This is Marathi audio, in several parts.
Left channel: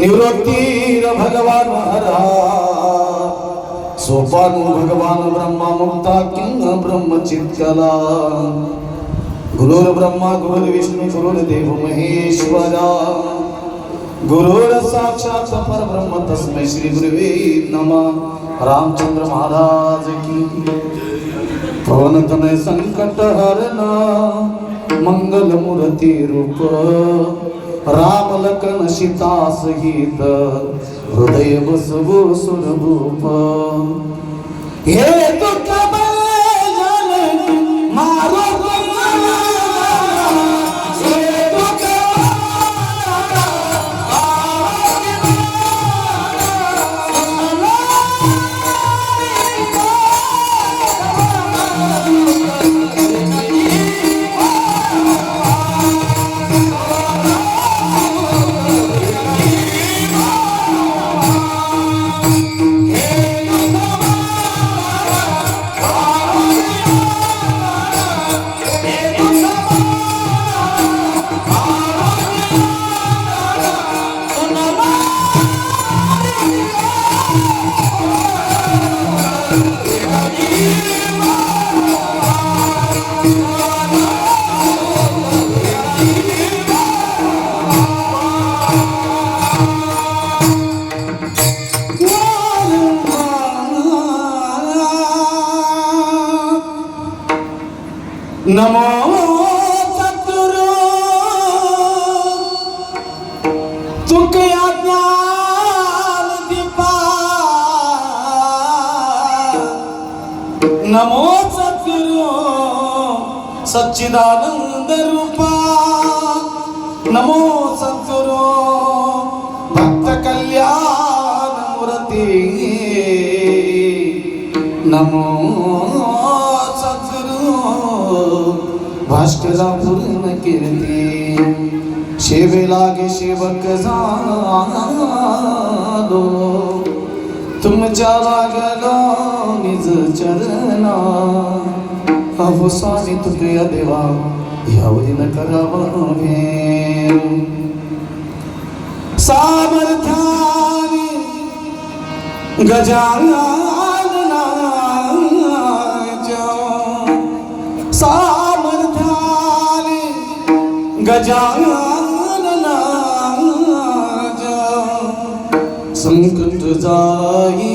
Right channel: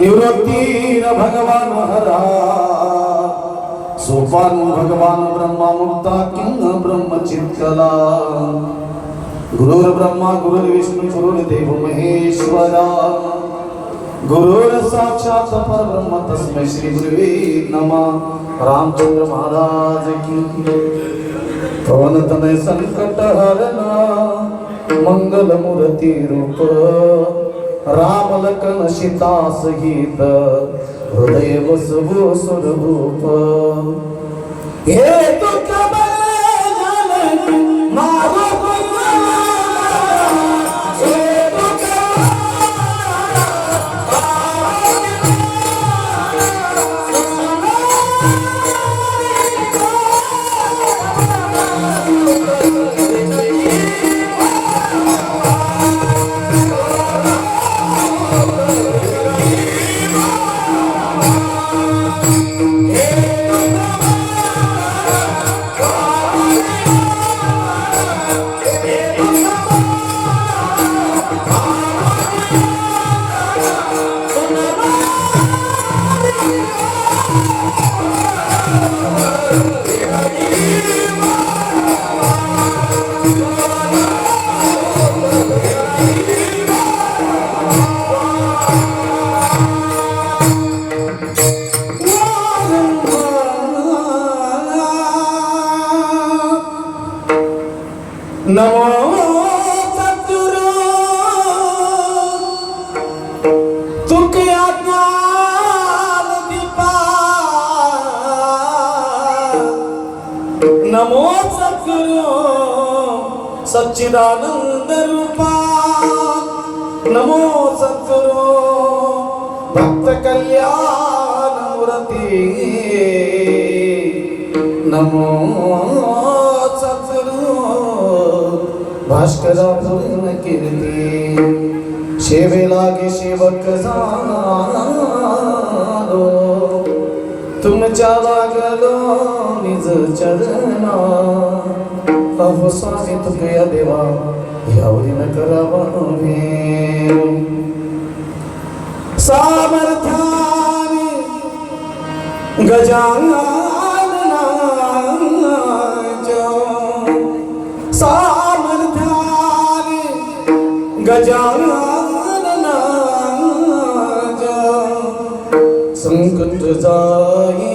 निवृत्तीर भगवान हरा सोपान भगवान ब्रह्मा मुक्ता किंग ब्रह्मचित्तला गुरुर् ब्रह्मा गुरुर्विष्णु गुरुर्देव महेश्वरा गुरुर् साक्षात् परब्रह्म तस्मै श्री गुरुवे नमः। रामचंद्र महाराज की पवन तनय संकट हरना मंगल मूर्ति रूप राम लखन सीता सहित हृदय बसवो स्वरूप हे दुःख नमो सद्गुरु तुके ज्ञान दीपा नमो सद्गुरु सच्चिदानंद रूपा नमो सद्गुरु भक्त कल्याण मूर्ति नमो भास्करा पूर्ण कीर्ती सेवे लागे सेवक जानो तुमच्या लागलो निज चरणा अहो स्वामी तुझ्या देवा यावरी न करावणे सामर्थ्याने गजानन गजानन संकट जाई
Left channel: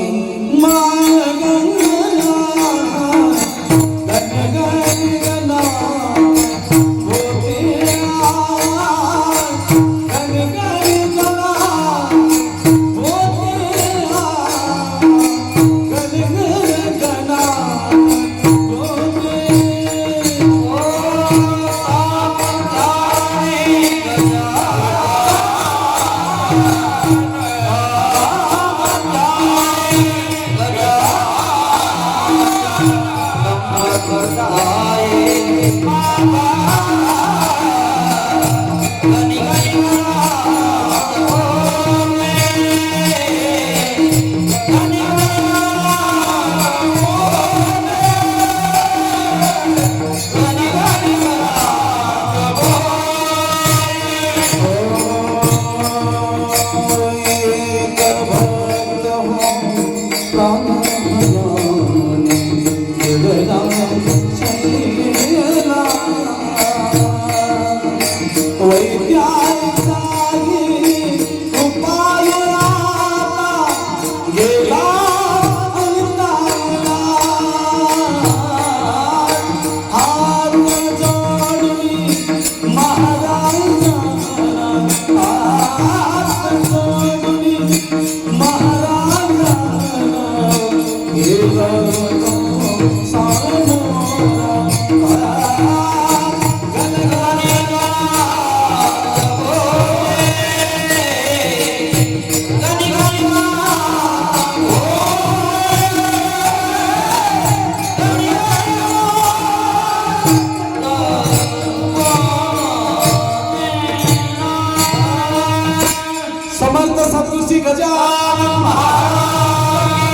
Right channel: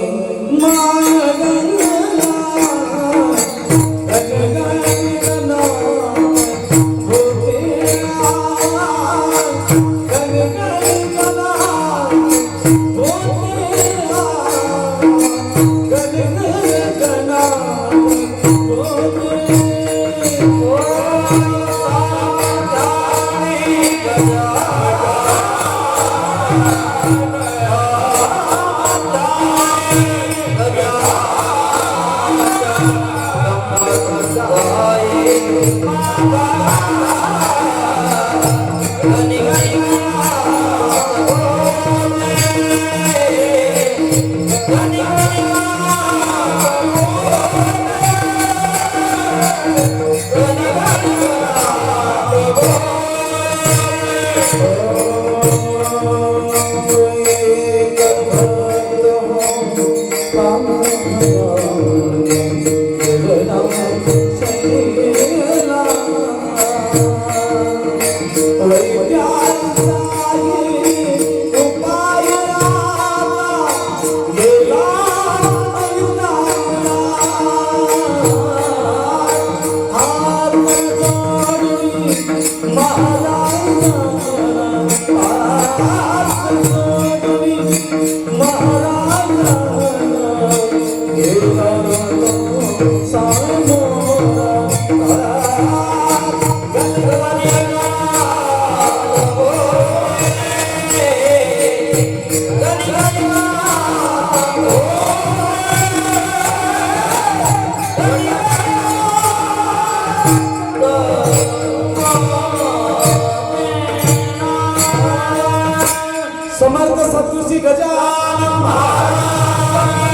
समर्थ सद्गुरुजी गजानन महाराज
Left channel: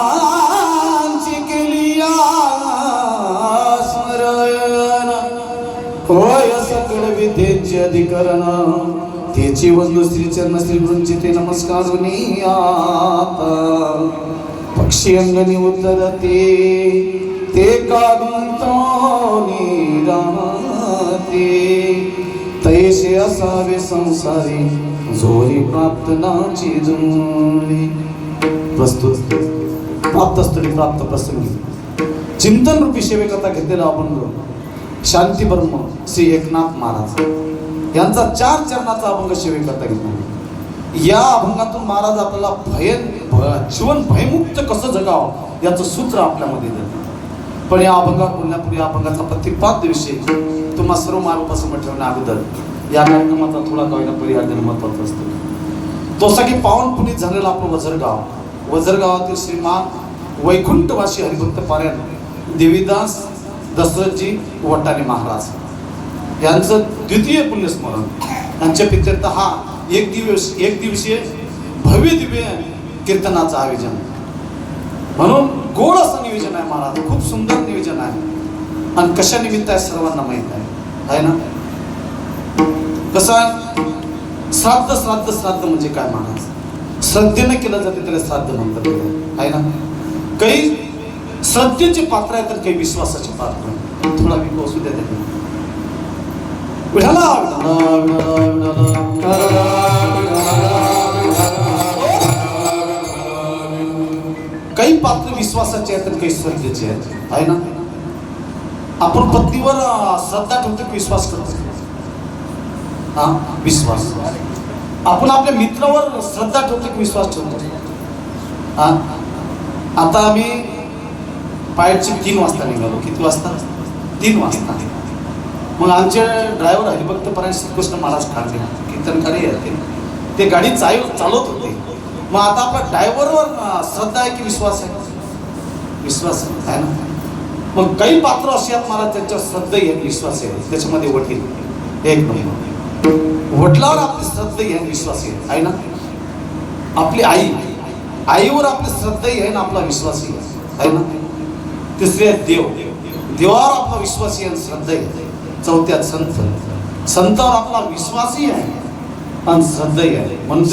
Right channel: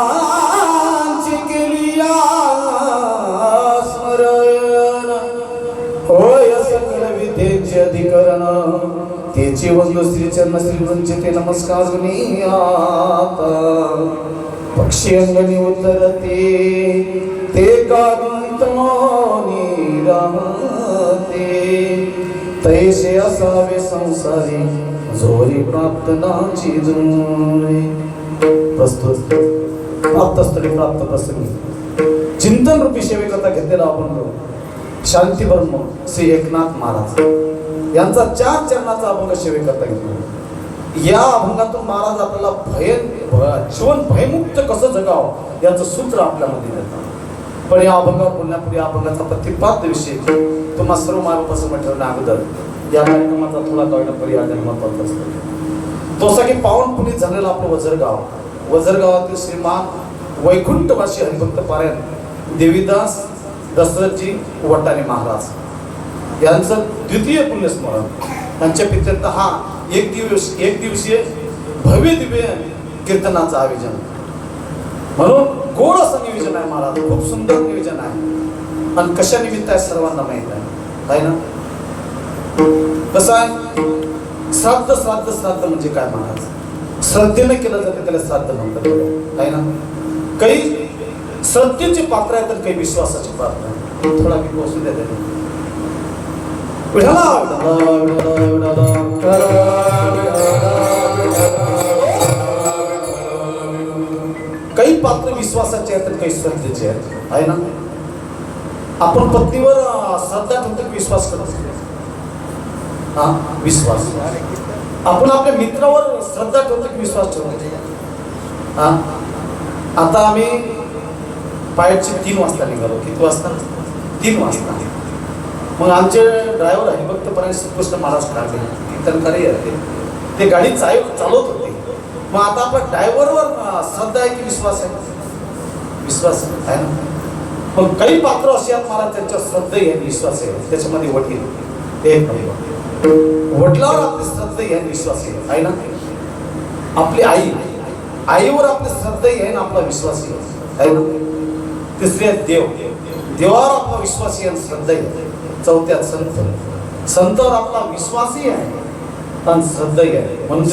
जयांची केलिया स्मरण होय सकल विद्येचे अधिकरण तेची वंदू श्री चरण श्री गुरुंचे ते नमस्कार गुनियात पक्षी अंगणी उतरते ते कांतोनी रमते तैसे असावे संसारी जोरी प्राप्त नाची जोरी प्रस्तुत प्राप्तस्थळी प्राप्त प्रसंगी चिंतन रूपी सेवेकरता घेतलेला अभंग शांती ब्रह्म श्री एकनाथ महाराज यांचा 4 चरणाचा अभंग सेवेकरता घेतला. या अभंगातून महाराज आपल्याला जीवन भयमुक्त कसं जगावं याचं सूत्र आपल्यामध्ये देतात. पण या अभंगात बोलण्यापूर्वी या अभंगाचा प्रतिपाद्य विषय तुम्हा सर्व मार्गपासून ठेवण्या अगोदर या कार्यक्रमाचा थोडा कळण्यापूर्वी या महत्वाचा असतो. तो की पावन पुनीत झालेला आपलं वजरगावातील श्रीमान वैकुंठवासी हरिभक्त पारायण देवीदास दशरथजी वटाणे महाराज यांचं द्वितीय पुण्यस्मरण. यांच्या पित्यर्थ हा एक दिवसीय भव्य दिव्य कीर्तनाचं आयोजन म्हणून गोड असं नियोजन आहे महाराज. खूप सुंदर नियोजन आहे आणि कशा निमित्त आहे सर्वांना माहित आहे ना. कसं आहे श्राद्ध म्हणजे काय महाराज. श्रद्धेने केलं जाते त्याला श्राद्ध म्हणतात आहे ना. काही श्रद्धेचे पात्र आहे तर काही विश्वासाचे पात्र आहे. थोडा मी पोहोचू द्या त्याने काही पात्र विश्वासाचे आहेत तर काही श्रद्धेचे आहेत आहे ना. आपण पत्नीवर श्रद्धा ठेवतो की विश्वास करतो. विश्वास. आपण आपल्या मित्रावर श्रद्धा ठेवतो की विश्वास ठेवतो. आता आम्ही पायची 3 वाजता निघालो. किती वाजता? 3 वाजता. मग आमचे ड्रायव्हर हरिभक्त पारायण श्रीकृष्ण महाराज ठाकरे कीर्तनकारी आहेत ते गाडी चालवत होते. मग आता आपल्या ड्रायव्हरवर श्रद्धा आहे की विश्वास आहे? विश्वास आहे ना. मग काही पात्र असे आहेत महाराज त्यांच्या श्रद्धा आहे विश्वास आहे. त्याच्यामध्ये वडील एक नंबर. वडिलावर आपली श्रद्धा आहे विश्वास आहे ना. आपली आईवर आपली श्रद्धा आहे ना आपला विश्वास आहे ना. तिसरी आहे देवावर आपला विश्वासी आणि श्रद्धा आहे. चौथ्यात संतावर आपला विश्वासही आहे आणि श्रद्धाही आहे. म्हणून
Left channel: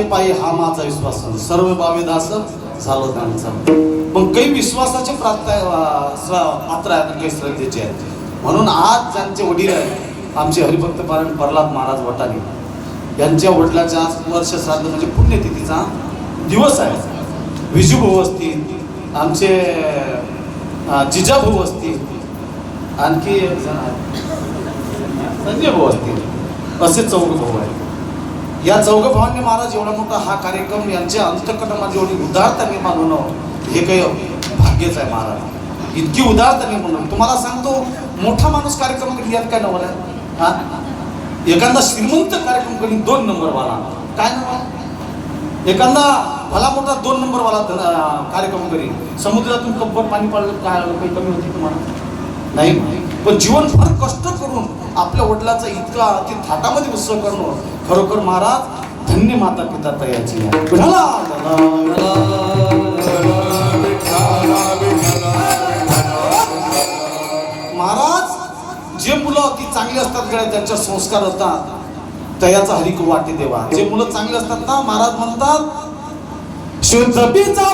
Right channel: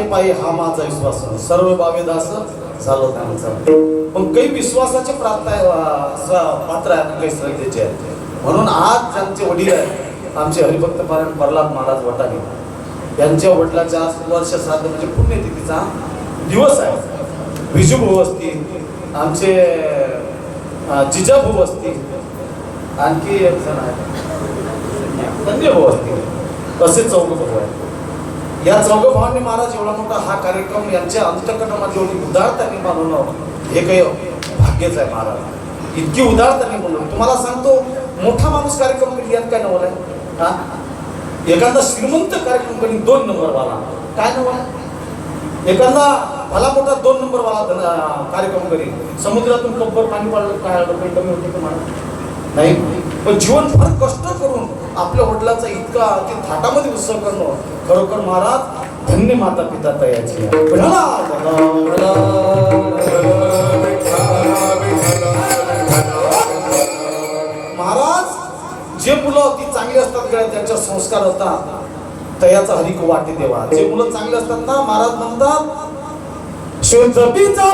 विश्वासाचे पायी हा माझा विश्वास सर्व बावे दास झालं त्यांचं. मग काही विश्वासाचे पात्र आहेत, काही श्रद्धेचे आहेत. म्हणून आज ज्यांचे वडील आहेत आमचे हरिभक्त पारायण प्रल्हाद महाराज वटाने, यांच्या वडिलांच्या आज वर्ष श्राद्ध म्हणजे पुण्यतिथीचा दिवस आहे. विजूभाऊ असतील, आमचे जिजाभाऊ असतील, आणखी एक जण आहेत संजय भाऊ असतील, असे चौघ भाऊ आहेत. या चौघ भावांनी महाराज एवढा मोठा हा कार्यक्रम यांच्या अंतःकरणामध्ये एवढी उदारताने मानवणं हे काही भाग्यच आहे महाराज. इतकी उदारताने म्हणून तुम्हाला सांगतो, मोठा माणूस कार्यक्रम कधी यात काय नवल आहे हा. एखादा श्रीमंत कार्यक्रम कधी 2 नंबर वाला काय नवा, एखादा भला मोठा 2 नंबर वाला कार्यक्रम करी समुद्रातून कब्बर पाणी पाडलं काय काही कमी होते का महाराज नाही. पण जीवनभर कष्ट करून आपल्या वडिलाचा इतका अति थाटामध्ये उत्सव करणं खरोखर महाराज धन्य माता पिता तयाची. महाराज जे मुलं अति चांगली असतात त्यांच्या संस्कार होतात तयाचा हरिक वाटे देवा. जे मुलं चांगले असतात ना महाराज म्हणतात शुद्ध बीजा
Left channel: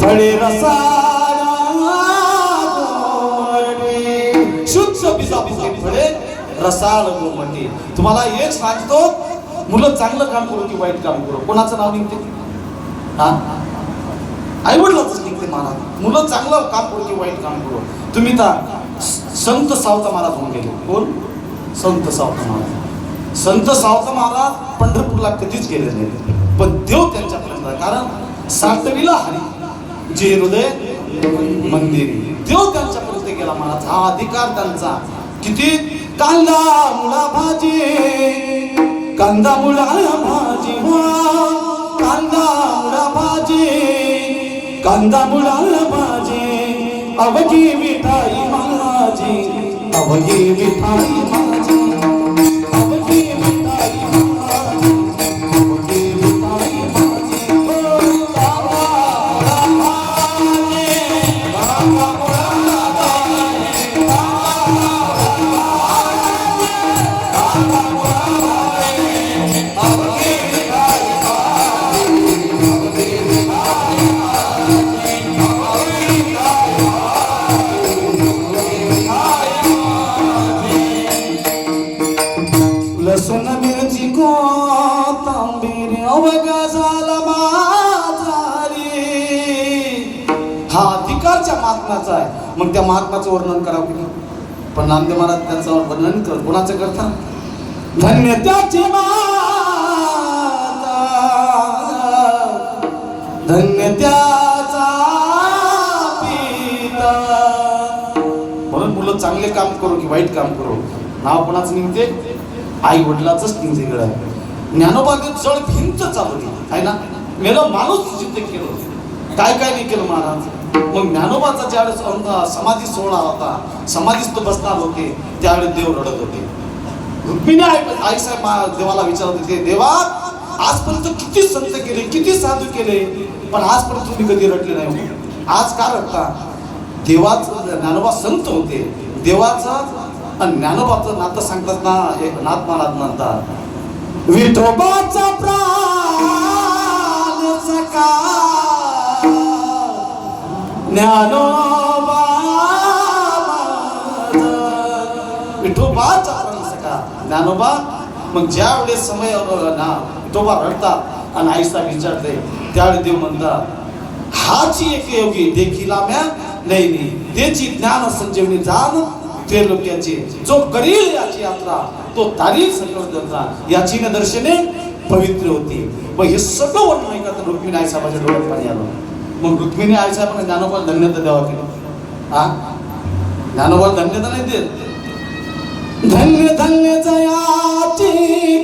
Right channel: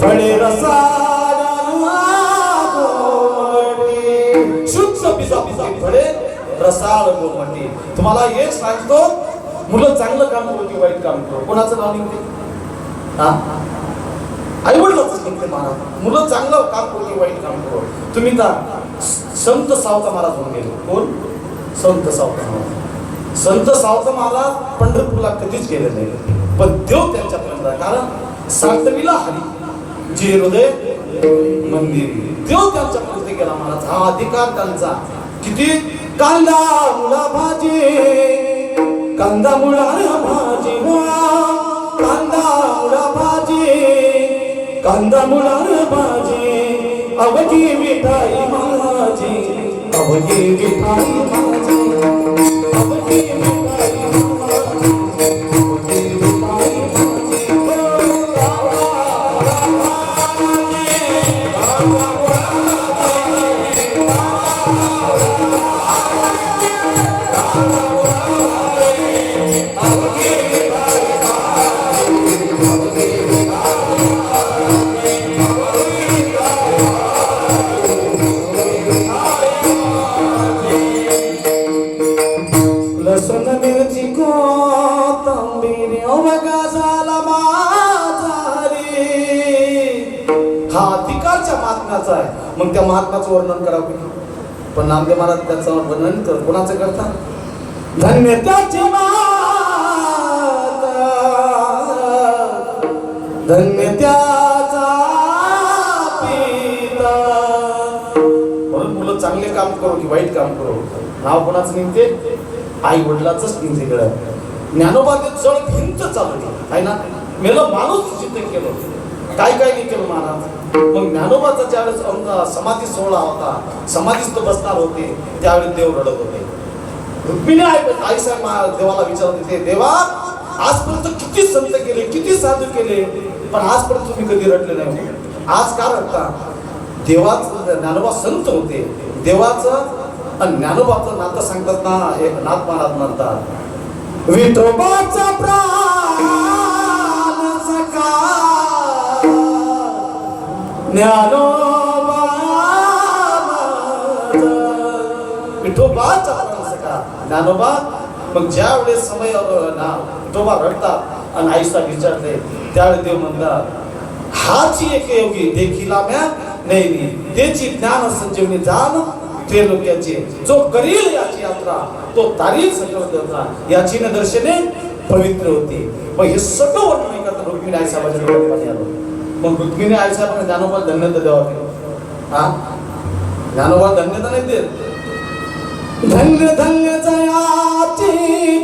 फळे रसाळा गोमटे, शुद्ध बीजा फळे रसाळ गोमटे. तुम्हाला एक सांगतो, मुलं चांगलं काम करू की वाईट काम करू कोणाचं नाव निघते हा आई वडिलाच निघते महाराज. मुलं चांगलं काम करू की वाईट काम करू. तुम्ही तर संत सावता महाराज होऊन गेले. कोण? संत सावता महाराज. संत सावता महाराज पंढरपूरला कधीच गेले नाही, पण देव त्यांच्यापर्यंत आहे. कारण सातवीला हरी जे हृदय मंदिर, देव त्यांच्यापर्यंत गेला महाराज. हा अधिकार त्यांचा. किती कांदा मुळा भाजी, कांदा मुळा भाजी, कांदा मुळा भाजी, कांदा मुळा भाजी, अवघी मिठाई माझी, अवघी मिठाई माझी, अवघी मिठाई माझी, अवघी मिठाई लसूण मिरची कोथिंबीर अवघा झाला माझा रे. हा अधिकारच्या महात्म्याचा आहे. मग त्या महात्म्याचं वर्णन करावं की नाही? पण नामदेव महाराज त्याचं वर्णन तर कोणाचं करतात? धन्य त्याची माता, धन्य त्याचा पिता. म्हणून मुलं चांगले काम करू की वाईट काम करू नाव कोणाचं निघते? आई वडिलाच निघते. गळ्यात ज्ञानोबाने चढ भिंत चालवली आहे ना. मेलं माणूस जिथे केलं काय काय नाही केलं महाराज. मग ज्ञानोबाचा ज्यावेळेस समाधी सोहळा होता, समाधीस्थ बसणार होते, त्यावेळेस देव रडत होते. रुक्मिणी आई साहेब देवाला विचारत होते, देवा आजपर्यंत किती संत केले, किती साधू केले, पण आजपर्यंत तुम्ही कधी रडले नाही. आज का रडता? देवाचं ज्ञानोबा संत होते. देवाचं आणि ज्ञानोबाचं नातं सांगतात ना, एक नाथ महाराज म्हणतात विठोबाचा प्राण सखा ज्ञानोबा, विठोबाचा प्राण सखा ज्ञानोबा. मग ज्या वेळेस समय ना विठोबा रडतात आणि आईसा विचारते, त्यावेळेस देव म्हणतात हाची एक योगी देखीला म्या नाही, त्याची ज्ञान संजीवनी जाण त्रिलोक्याची, जो करील याची यात्रा तो तारील सकल देवता, याची दर्शने पवित्र होती. मग हे सगळं वर्णन ऐकत रुक्मिणी आई साहेबांच्या डोळ्यात पाणी आलं. मग रुक्मिणी आई साहेबांनी ज्ञानोबा धन्यता द्यावा केलं. हा ज्ञानोबा धन्यता नाही देत. धन्य धन्य जयाची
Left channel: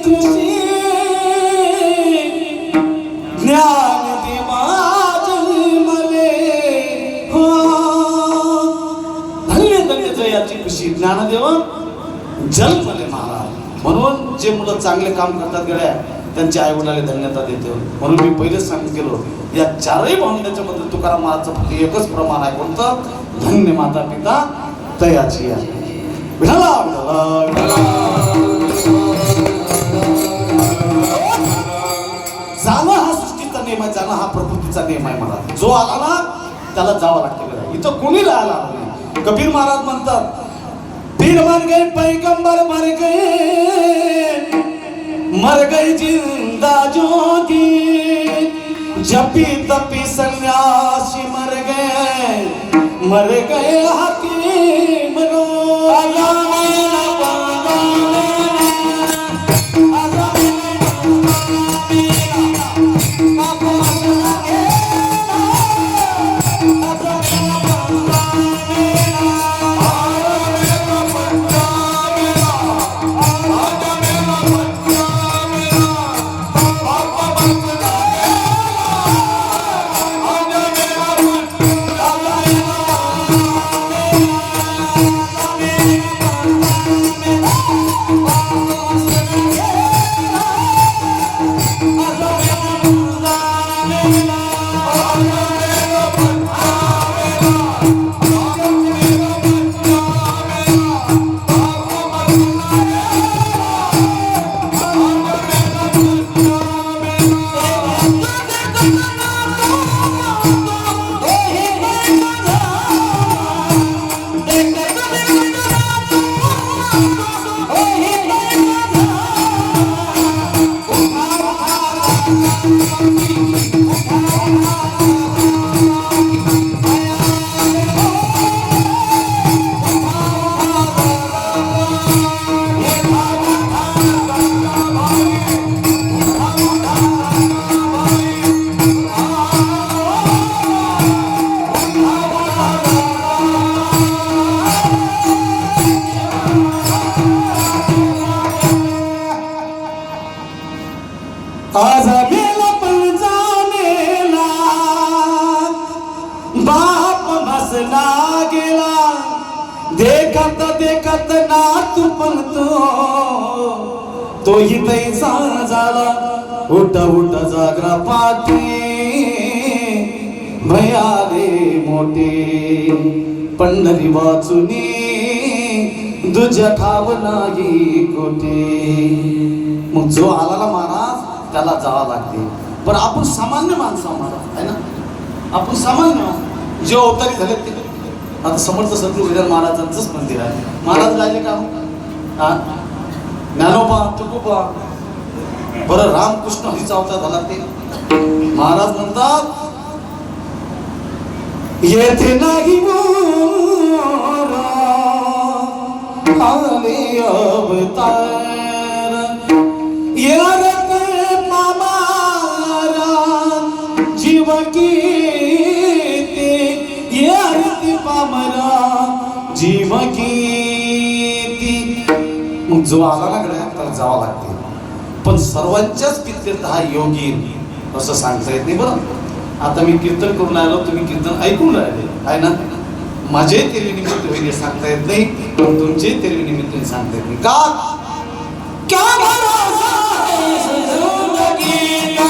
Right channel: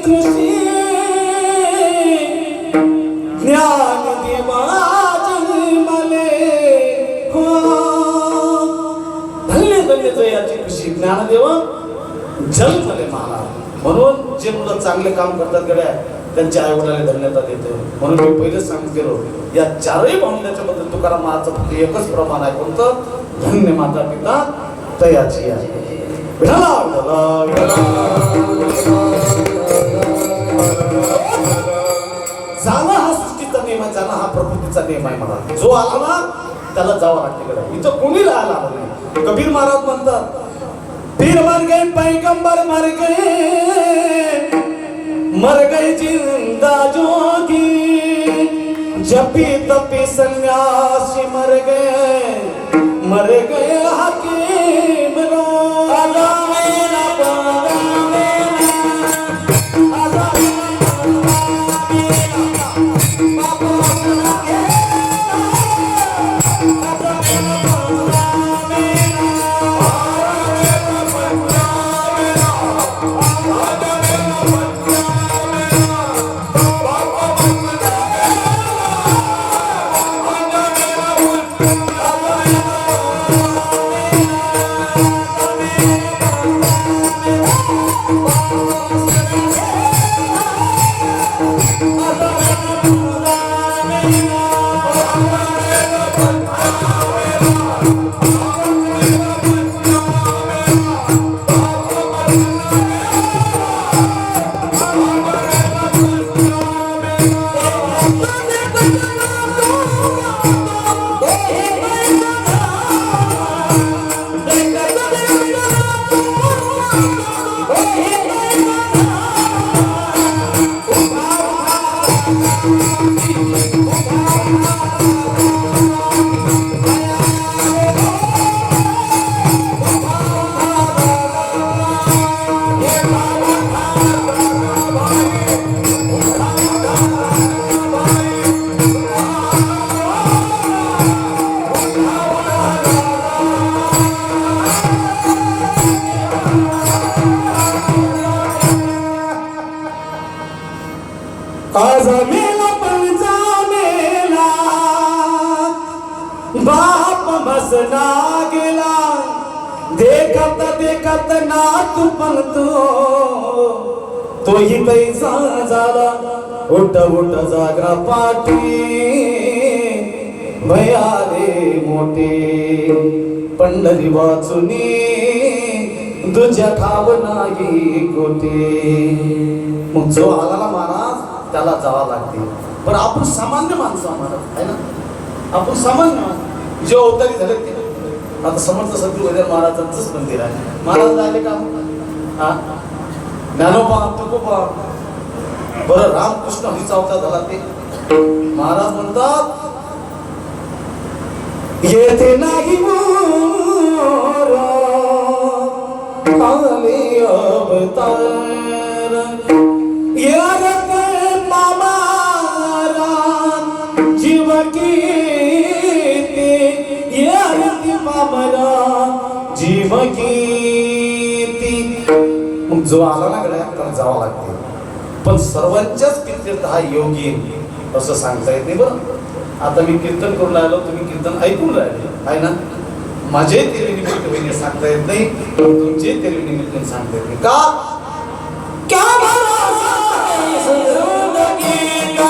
तुझी ज्ञान देवा जन्मले, धन्य धन्य जयाची खुशी ज्ञानदेव जन्मले महाराज. म्हणून जे मुलं चांगले काम करतात गड्या त्यांच्या आई वडिलांना धन्यता देतो. म्हणून मी पहिलेच सांगितलं गेलो, या चारही भावंडाच्या बद्दल तुकाराम महाराजचं फक्त एकच प्रमाण आहे, कोणतं? धन्य माता पिता तयाची आहे. विठला विठला विठला. आमचा नियम आहे मला. जो आला ना त्याला जावं लागते गड्या. इथं कोणी राहायला आलं नाही. कबीर महाराज म्हणतात पीर मर गए पैगंबर मर गए जिंदा जोगी जपी तपी सन्यासी मर गए हकीम रो. आज मेला पंचा मेला बाप बसला गेला देखत देखत नातू पण तोही तैसा झाला. उठ उठ जागरा पाठी भयाले मोठे पंढरी वाचुनी तुझ्या ठाव नाही कोठे. मग जो आला ना महाराज त्याला जावं लागते. पण आपण सामान्य माणसं आम्हाला आहे ना. आपण सामान्य माणसं जे अवतारी झाले ते आता समर्थ संत गजानन महाराजांचंच मंदिर आहे. महाराज राहिले का हा ज्ञानोबा तुकोबा बरं रामकृष्ण हरीचा अवतार झाला ते. महाराज म्हणतात येथे नाही मोरा आले अवतार यारक मामारा जीव कीते यारती मामरा जीव कीती. मग जो आला ना गड्या त्याला जावं लागते. पण सर्वांच्याच कीर्तन हा योगी असं सांगता येत नाही. बरं आता मी कीर्तन करून आलो तुम्ही कीर्तन ऐकून राहिले आहे ना. माझे तेरवी निमित्त सांगता येत नाही पण तुमचे तेरवी निमित्त सांगता येत नाही का. क्या भरोसा है जिंदगी का,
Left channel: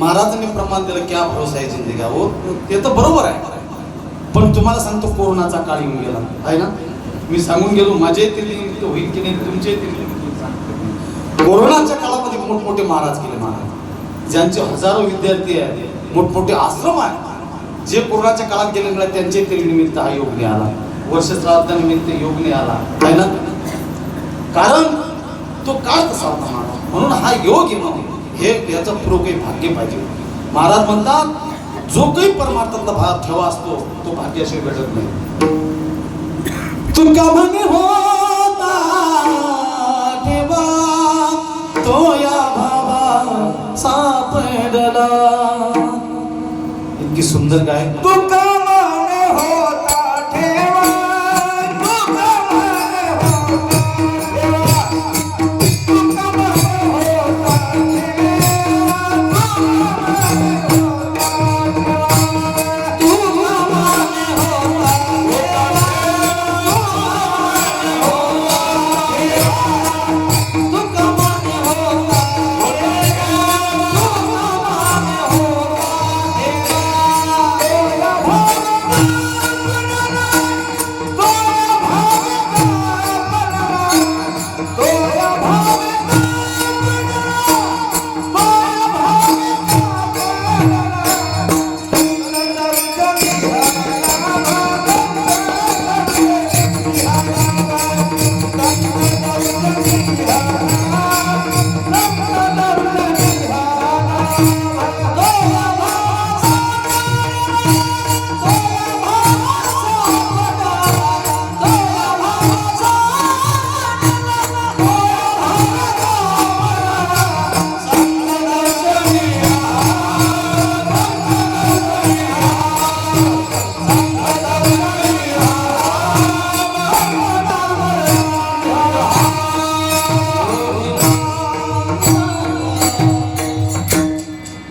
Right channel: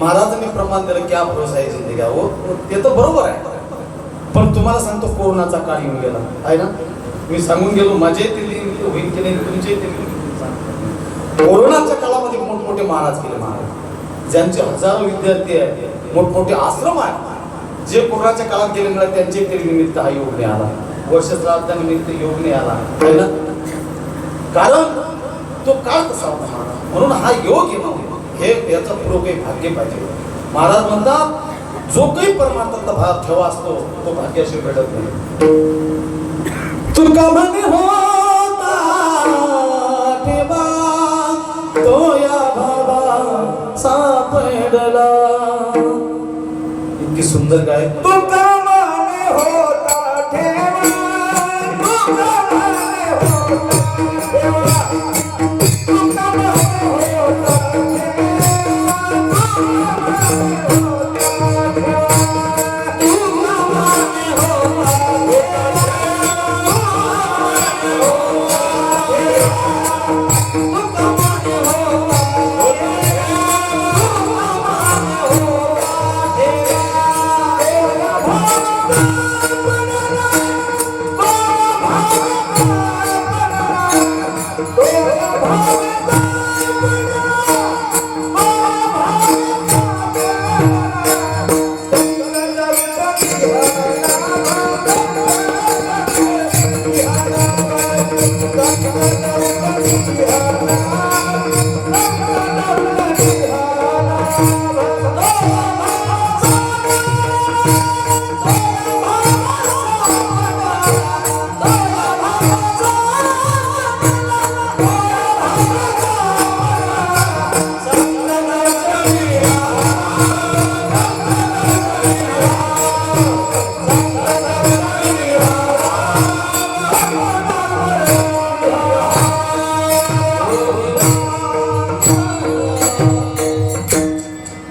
महाराजांनी प्रमाण दिलं क्या भरोसा आहे जिंदगी हो. ते तर बरोबर आहे. पण तुम्हाला सांगतो कोरोनाचा काळ येऊन गेला आहे ना. मी सांगून गेलो माझे होईल की नाही तुमचे कोरोनाच्या काळामध्ये मोठमोठे महाराज केले. महाराज ज्यांचे हजारो विद्यार्थी आहेत मोठमोठे आश्रम आहेत जे कोरोनाच्या काळात गेले नाही त्यांचे तरी निमित्त हा योग नाही आला, वर्ष श्राद्धानिमित्त योग नाही आला आहे ना, कारण तो काळ तसा होता महाराज. म्हणून हा योग येणं हे याचं पुढं काही भाग्य पाहिजे. महाराज म्हणतात जो काही परमार्थातला भाग ठेवा असतो तो भाग्याशिवाय घडत नाही. तुका म्हणे होता ठेवा तो या भावा सापडला. इतकी सुंदर गाय. तुका म्हणे होता ठेवा तुका म्हणे होता ठेवा तुका म्हणे होता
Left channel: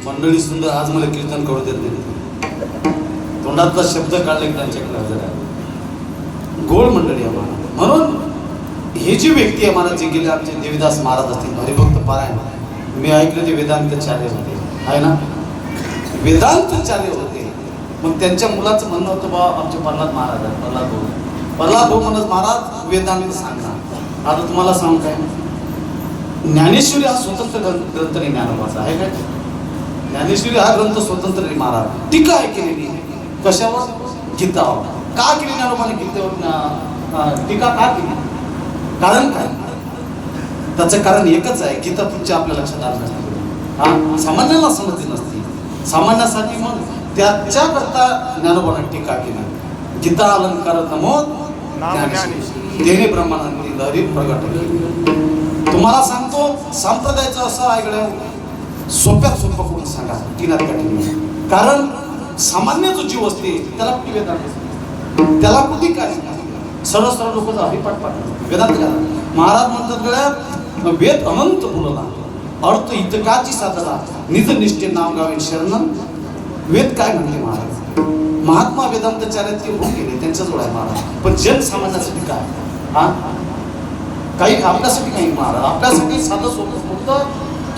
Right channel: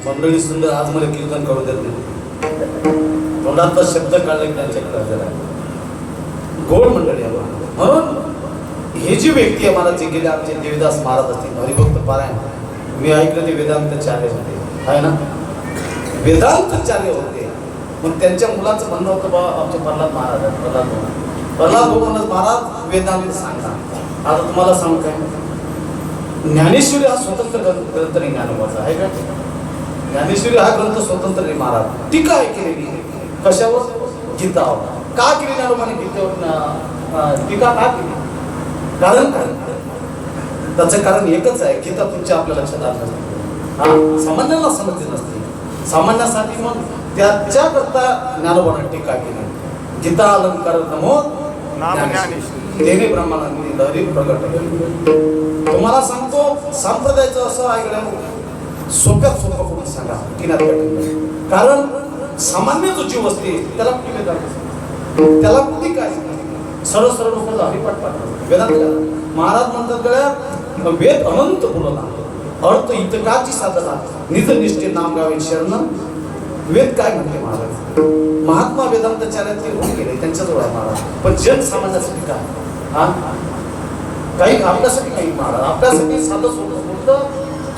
मंडळी सुंदर. आज मला कीर्तन करू देत नाही, तोंडातला शब्द काढले की त्यांच्याकडे जरा गोड मंडळी आहे. म्हणून ही जी व्यक्ती आहे मला जे गेले आमचे देवदास महाराज असतील हरिभक्त पारायण, मी ऐकलं ते वेदांताचार्य होते आहे ना, वेदांताचार्य होते. मग त्यांच्या मुलाचं म्हणणं होतं बा आमचे प्रल्हाद महाराज आहेत, प्रल्हाद भाऊ म्हणत महाराज वेदांत सांगा. आता तुम्हाला सांगू काय, ज्ञानेश्वरी हा स्वतंत्र ग्रंथ नाही ज्ञानोबाचा आहे काय. ज्ञानेश्वरी हा ग्रंथ स्वतंत्र नाही. महाराज टीका आहे केलेली कशावर, गीतावर. का केली ज्ञानोबाने गीतेवर टीका का केली, कारण काय, त्याचं कारण एकच आहे, गीता तुमच्या आपल्या लक्षात आलं नसते, हा सामान्यांना समजली नसते. सामान्यासाठी मग त्याच्याकरता ज्ञानोबाने टीका केली. गीता अलंकार नमोद ज्ञानेश्वरी तेने ब्रह्मानंदी लहरी प्रगट केली. तुम्हाला सांगतो संप्रदायाचं असं ऐकलं सोप्यात सोपं कुठं सांगा टीनात कठीण. कारण सामान्य जो जीव असते त्याला कुठे वेदांत, त्याला कुठे काय सरळ सरळ लोक हरिपाठ पाठवतात वेदांत घाला. महाराज म्हणतात गळ्या वेद अनंत बोलला अर्थ इतकाची साधना निज निष्ठे नाम गावे शरण. वेद काय म्हणते महाराज, महात्मा वेदांताचार्याचे होऊन गेले त्यांच्याजवळ आहे महाराज, पण जनसामान्यासाठी काय, हा काही आपल्यासाठी काही महाराज, आपल्यासाठी साधं सोपं फक्त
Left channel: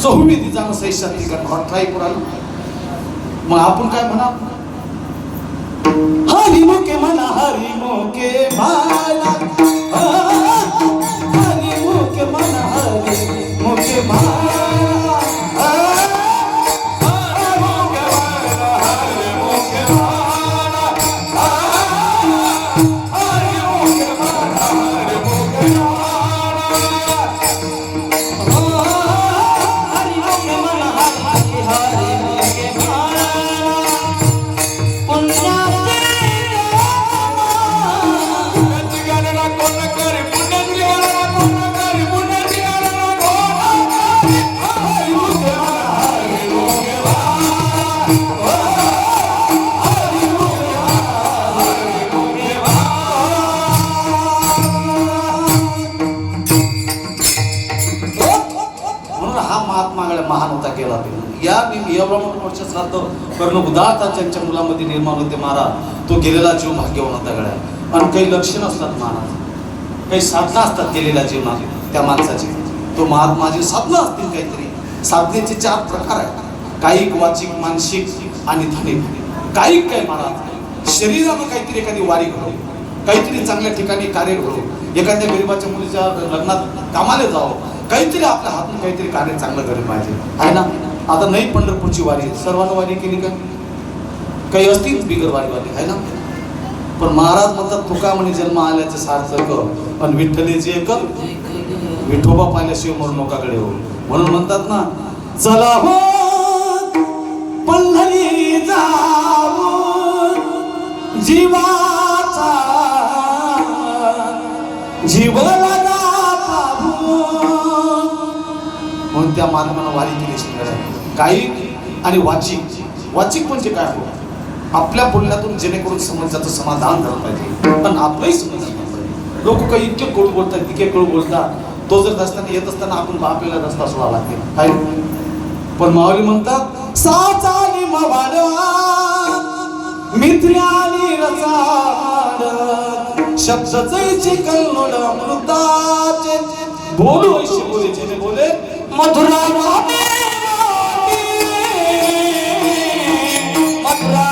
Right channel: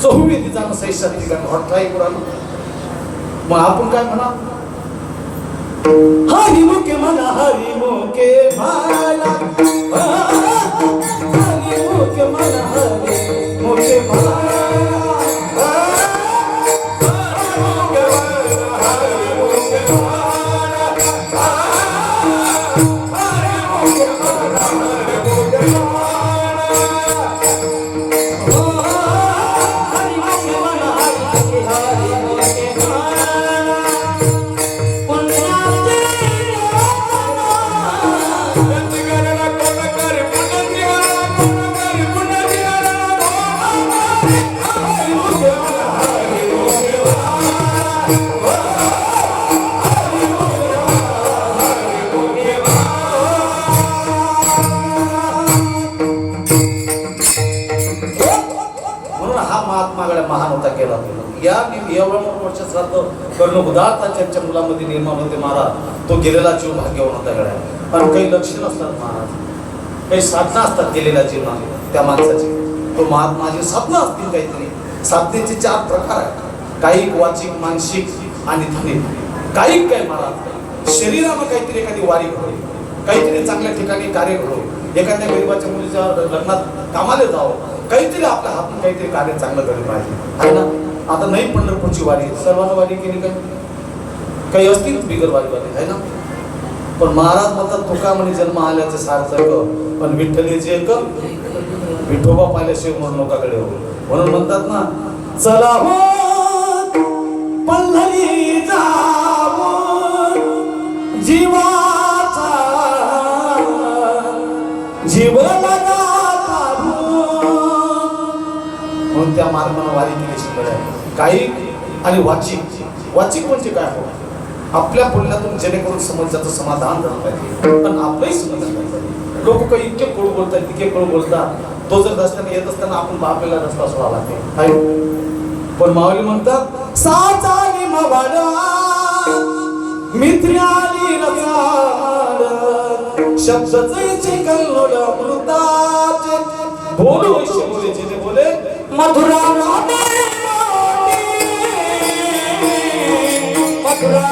चहुवेदी जाणं सैशाती करणं ट्राय करू. मग आपण काय म्हणा, हरी मुके म्हणा हरी मुके भाला, हरी मुके म्हणा हरी मुके भाला. कर्ण उदारताच्या मुलामध्ये निर्माण होते महाराज. तो गेलेला जीव भाग्यवान होता गड्या. पण काही लक्षण असतात महाराज, काही साधना असतात गेलेल्या जीवनात त्या माणसाची. तो महात्माची साधना असतील काहीतरी. साधनेचे 4 प्रकार आहेत, कायिक वाचिक मानसिक आणि धनिक. कायिक काय महाराज, शरीरानं काहीतरी एखादी वारी घडो, काहीतरी चांगल्या ठिकाणी कार्य घडो, एखाद्या गरीबाच्या मुलीच्या लग्नात कामाला जावं, काहीतरी आपल्या हातून काहीतरी कार्य चांगलं घडलं पाहिजे आहे ना. आता नाही पंढरपूरची वारी सर्वांना वारी केली का, काही असतील बिगरवारीवाले आहे ना, पण महाराज म्हणतात तुका म्हणे जन्म आल्याचं सार्थक, पण विठ्ठलीचे एक विठोबा पाहिल्याशिवाय म्हणून मोकाकडे हो. म्हणून म्हणतात ना, चला हो पंढरी जाऊ जीवाचा जीव लगा म्हणून त्या मार्गाने वारी केली शिकड काही. आणि वाचिक म्हणजे काय हो, आपल्या बोलण्यातून जेणेकरून समोरच्याचं समाधान झालं पाहिजे, पण आपलंही समाधान झालं पाहिजे. लोक काही इतके कडू बोलतात, इतके कडू बोलतात, तो जर असताना येत असताना आपण बापेला रस्ता सोडा लागते काय. पण माऊली म्हणतात साचानी मवाडा मित्र्यानी रसाड शब्द जैचे कल्लोड अमृताचे बोलू वैश्य बोले जेने बोले मधुरा वाणी मधुरा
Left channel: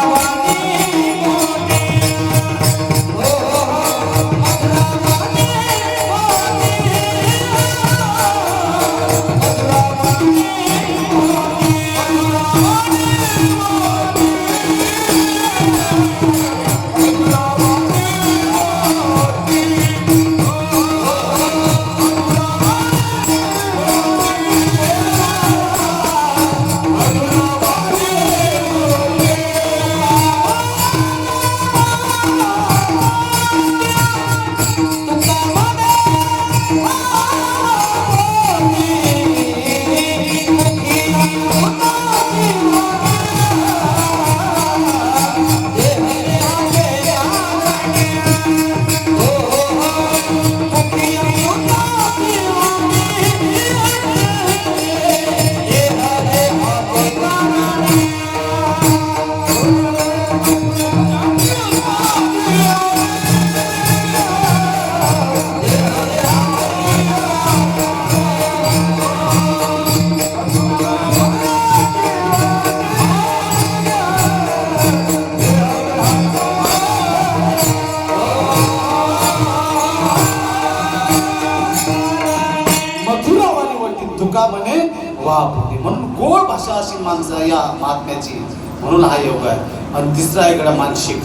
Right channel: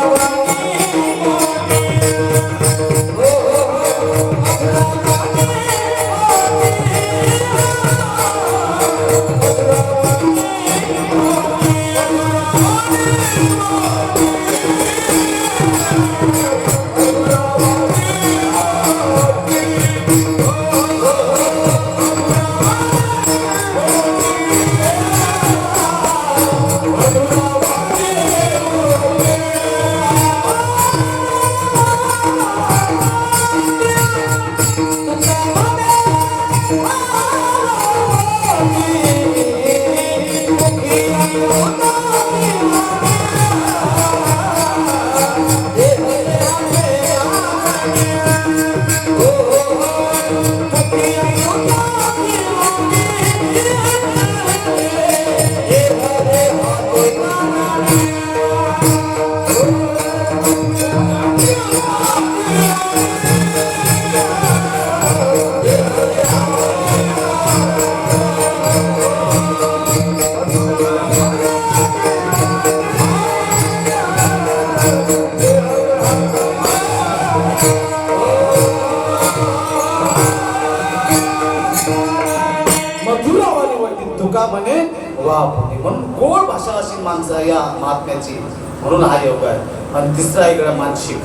म्हणून गोड भाषा अशी माणसं या महात्म्याची, म्हणून हा योग आहे. आणि तिसरा इकडे मानसिक,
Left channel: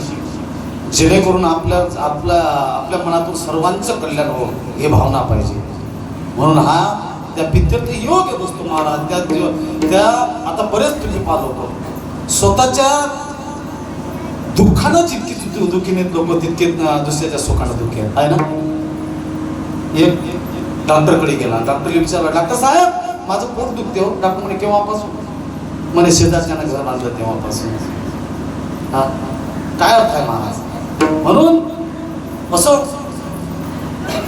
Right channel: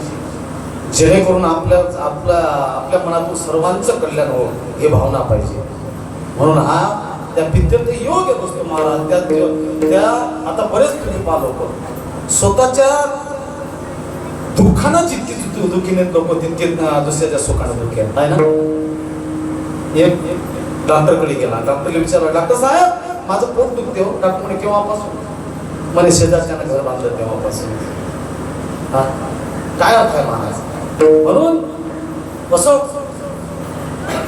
जेणेकरून आपल्या मनातून सर्वांचं कल्याण हो ही भावना पाहिजे. म्हणून हा त्या पित्यर्थ योग येत असतो महाराज. त्या आता बरेच तुम्ही पाहतो स्वतःच्या दुःखानं जितकी दुःखीने लोक तितके दुसऱ्याच्या सुखानं दुःखी आहेत आहे ना. एक डॉक्टरकडे गेला, डॉक्टरला विचारलं डॉक्टर साहेब माझं पोट दुखते हो. डॉक्टर म्हणे केव्हापासून? म्हणे शेजारच्यानं घर बांधलं तेव्हापासून. हा काय अर्थ आहे महाराज. म्हणून असं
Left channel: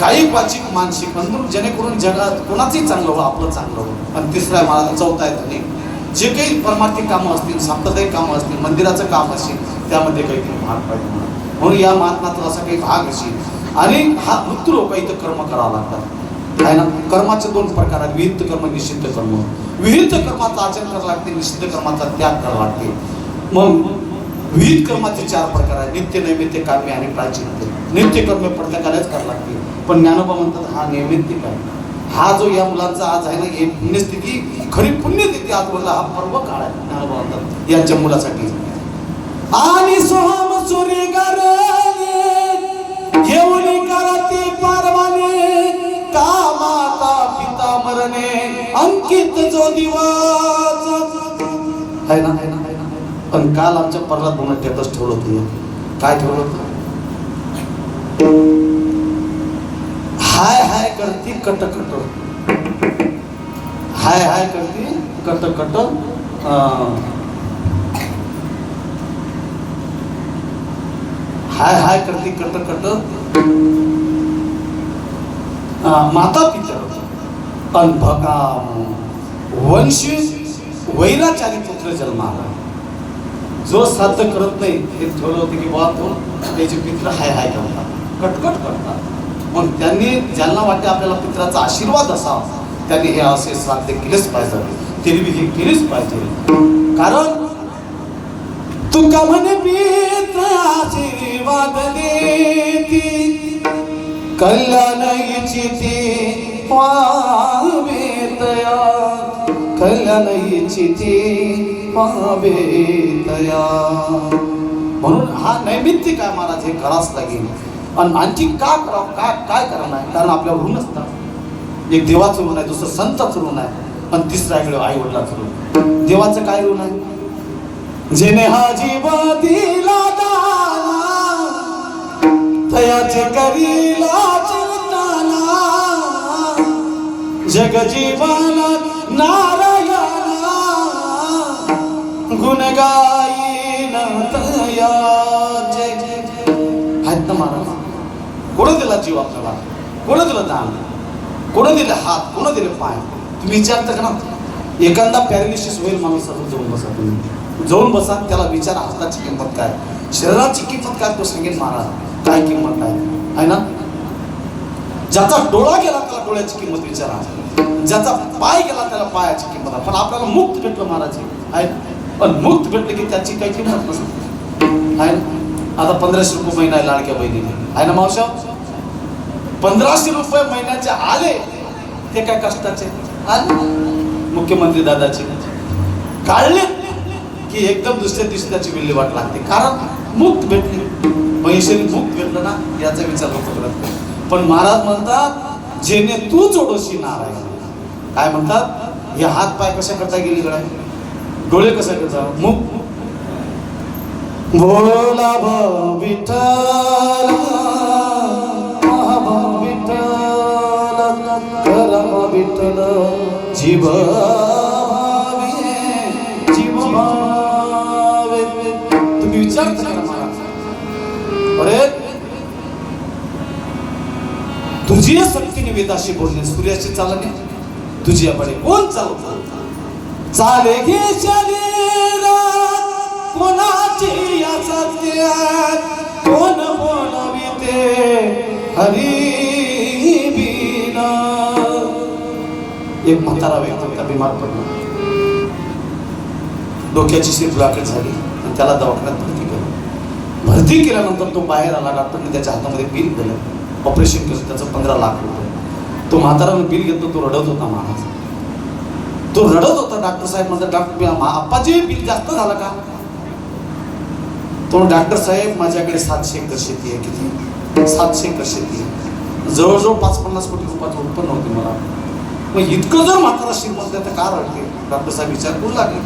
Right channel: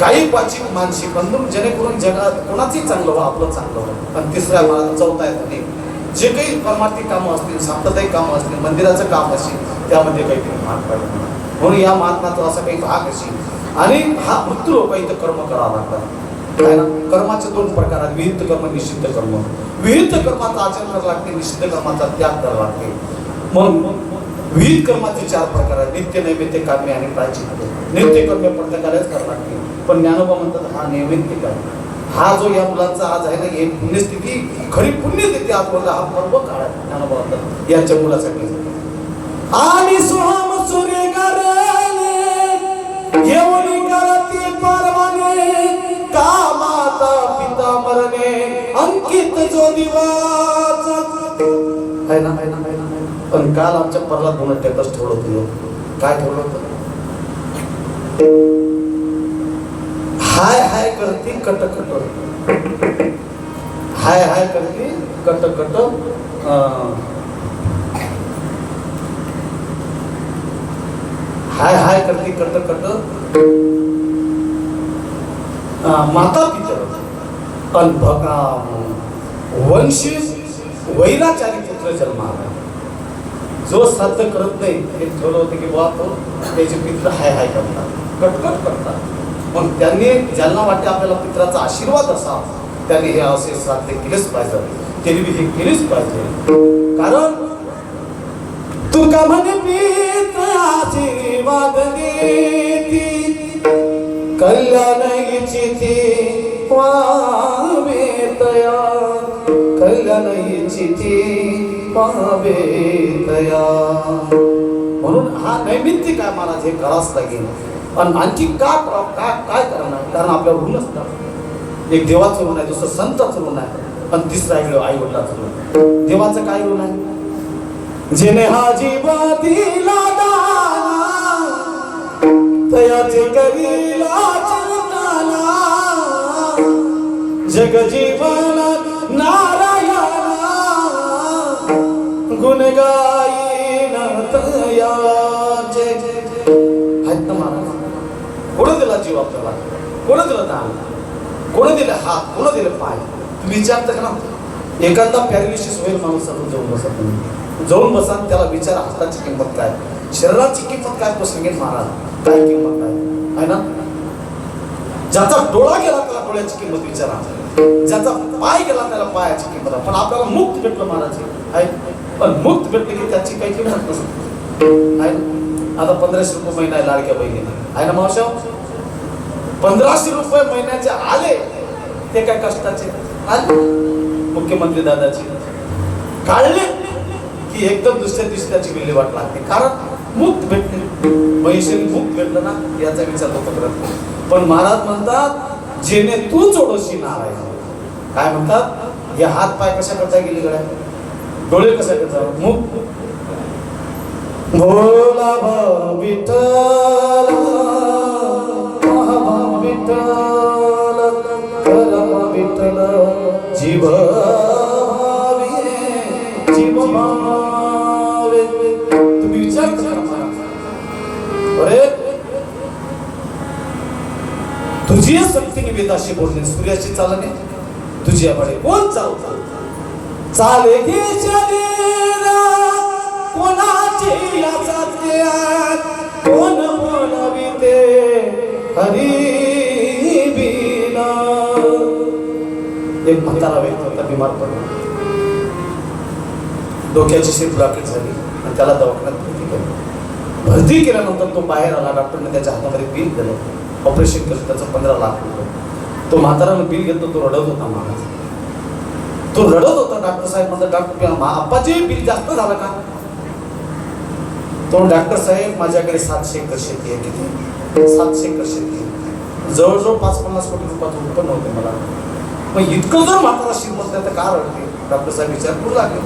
काही वाचिक मानसिक म्हणून जेणेकरून जगात कोणाचंही चांगलं हो, आपलं चांगलं हो. आणि तिसरा महाराज चौथा आहे तुम्ही जे काही परमार्थिक कामं असतील, सांप्रदायिक कामं असतील, मंदिराचं काम असेल त्यामध्ये काहीतरी भाग पाहिजे. म्हणून या महात्माचा असा काही भाग असेल. आणि हा मृत्यू लोक इथं कर्म करावं लागतात आहे ना. कर्माचे दोन प्रकार आहेत, विहित कर्म, निषिद्ध कर्म. विहित कर्माचं आचरण करावं लागते, निषिद्ध कर्माचा त्याग करावा लागते. मग विहित कर्माचे 4 प्रकार आहेत, नित्य, नैमित्य, काम्य आणि प्रायचित्त. नित्य कर्म प्रत्येकालाच करावं लागते, पण ज्ञानोबा म्हणतात हा नैमित्तिक आहे. हा जो या मुलांचा आज आहे ना, हे पुण्यस्थिती खरी पुण्यतिथी आज बोलला, हा पर्व काळ आहे ज्ञानोबा म्हणतात यांच्या मुलासाठी. आणि सोहम सूर्य येऊनी करती परवाने का माता पिता मरणे अंकित जो दिवस आहे ना. पण काल आमच्या प्रल्हाद भाऊन टेटस ठेवलं होतं. काय ठेवलं होतं? हाय हाय करती कट कट, हाय हाय करती कट कट, हाय हाय करती कट कट माता पिता अनभका वंशी वैराचारी पुत्र जन्माला. जो श्राद्ध करत नाही हे ठेवलं होतं की बाबा तो त्याचे पित्र हाय हाय करतात, कटकट करतात. मग त्यांनी ज्यांना वाटते आपल्याला पित्राचा आशीर्वाद असावा त्यांनी हे असे श्राद्ध केलेच पाहिजे, त्यांनी हे केलेच पाहिजे. कारण तुका म्हणे पित्र आशीर्वाद देती कल्याण इच्छिती पावे तया, कल्याण इच्छिती पावे तया. नैमित्य काय महाराज हे करावंच लागेल. आणि आणखी काय करणार, कारण आपल्यावर ऋण असतात. एक देवाचं ऋण आहे, दुसरं संताचं ऋण आहे, आणि तिसरा इकडे आई वडिलाचं ऋण. देवाचं काय ऋण आहे? जेने हा जीव दिला दाना तयाचे करीला चिंतना जग जीवन नारायणा गुण गायीन तयाचे. आहेत ना महाराज? कोण दिला जीव आपल्याला? कोण दिलं दान? कोण दिले हात? कोण दिले पाय? तुम्ही विचारता का ना? एखादा पॅरालिसिस होईल माणूस, जाऊन बसा, तुम्ही जाऊन बसा, त्याला विचारा हाताची किंमत काय, शरीराची किंमत काय, तो सांगेल महाराज काय किंमत काय आहे ना. ज्याचा डोळा गेला त्याला डोळ्याची किंमत विचारा, ज्याचा पाय गेला त्याला पायाची किंमत. पण आपल्याला मुक्त भेटलं महाराज आहे, पण मुक्त भेटले की त्याची काही किंमत नसते आहे. आता 1500 रुपये महिना आहे लाडक्या बहिणीने, आहे ना मावशा? 1500 रुपये महिन्याचे आले ते काय कष्टाचे आले. मुख्यमंत्री दादाची काढले की एकदम दुसऱ्या दिवशी त्याची विल्हेवाट लागते, कारण मुक्त भेटले. पैसे मुक्त भेटलं ना याचा विचार लोक करत नाही. पण महाराज म्हणतात जेणे तू जोडशी नारायण. काय म्हणतात? या हात पाय कशा करता गेली गड्या, डोळे कशा करता, मुख भोला भाव विठ्ठल महाभाव विठ्ठल परम विठ्ठल जीव भावे जीव भावे. तुम्ही विचार करा महाराज, अरे तुझी शक्तीने वेदाशी बोलणे, सूर्याशी चालणे, तुझी आपण कोण चालतो? चाले घे शरीर कोणाची असाध्य, कोण बोलाविते हरी बिना. एक म्हातारा व्यक्ती होता, बिमार पडला, डोक्याची शिर ब्लॉकेट झाली आणि त्याला दवाखान्यात भरती केलं. भरती केल्यानंतर तो बाहेर आला, डॉक्टरने त्याच्या हातामध्ये बिल दिलं, ऑपरेशन केलं, त्याचं 15 लाख रुपये. तो म्हातारानं बिल घेतलं, तो रडत होता महाराज, तो रडत होता. डॉक्टर साहेब म्हणतात, डॉक्टर आप्पाजी बिल जास्त झालं का? तो डॉक्टर साहेब माझ्याकडे 700 एकर शेती आहे. किती? 700 एकर शेती आहे, जवळजवळ 5-50 कोटी रुपयाचं उत्पन्न होते मला. मग इतकं जर म्हातारा श्रीमंत तर का रडते? डॉक्टर साहेब विचार करू लागले.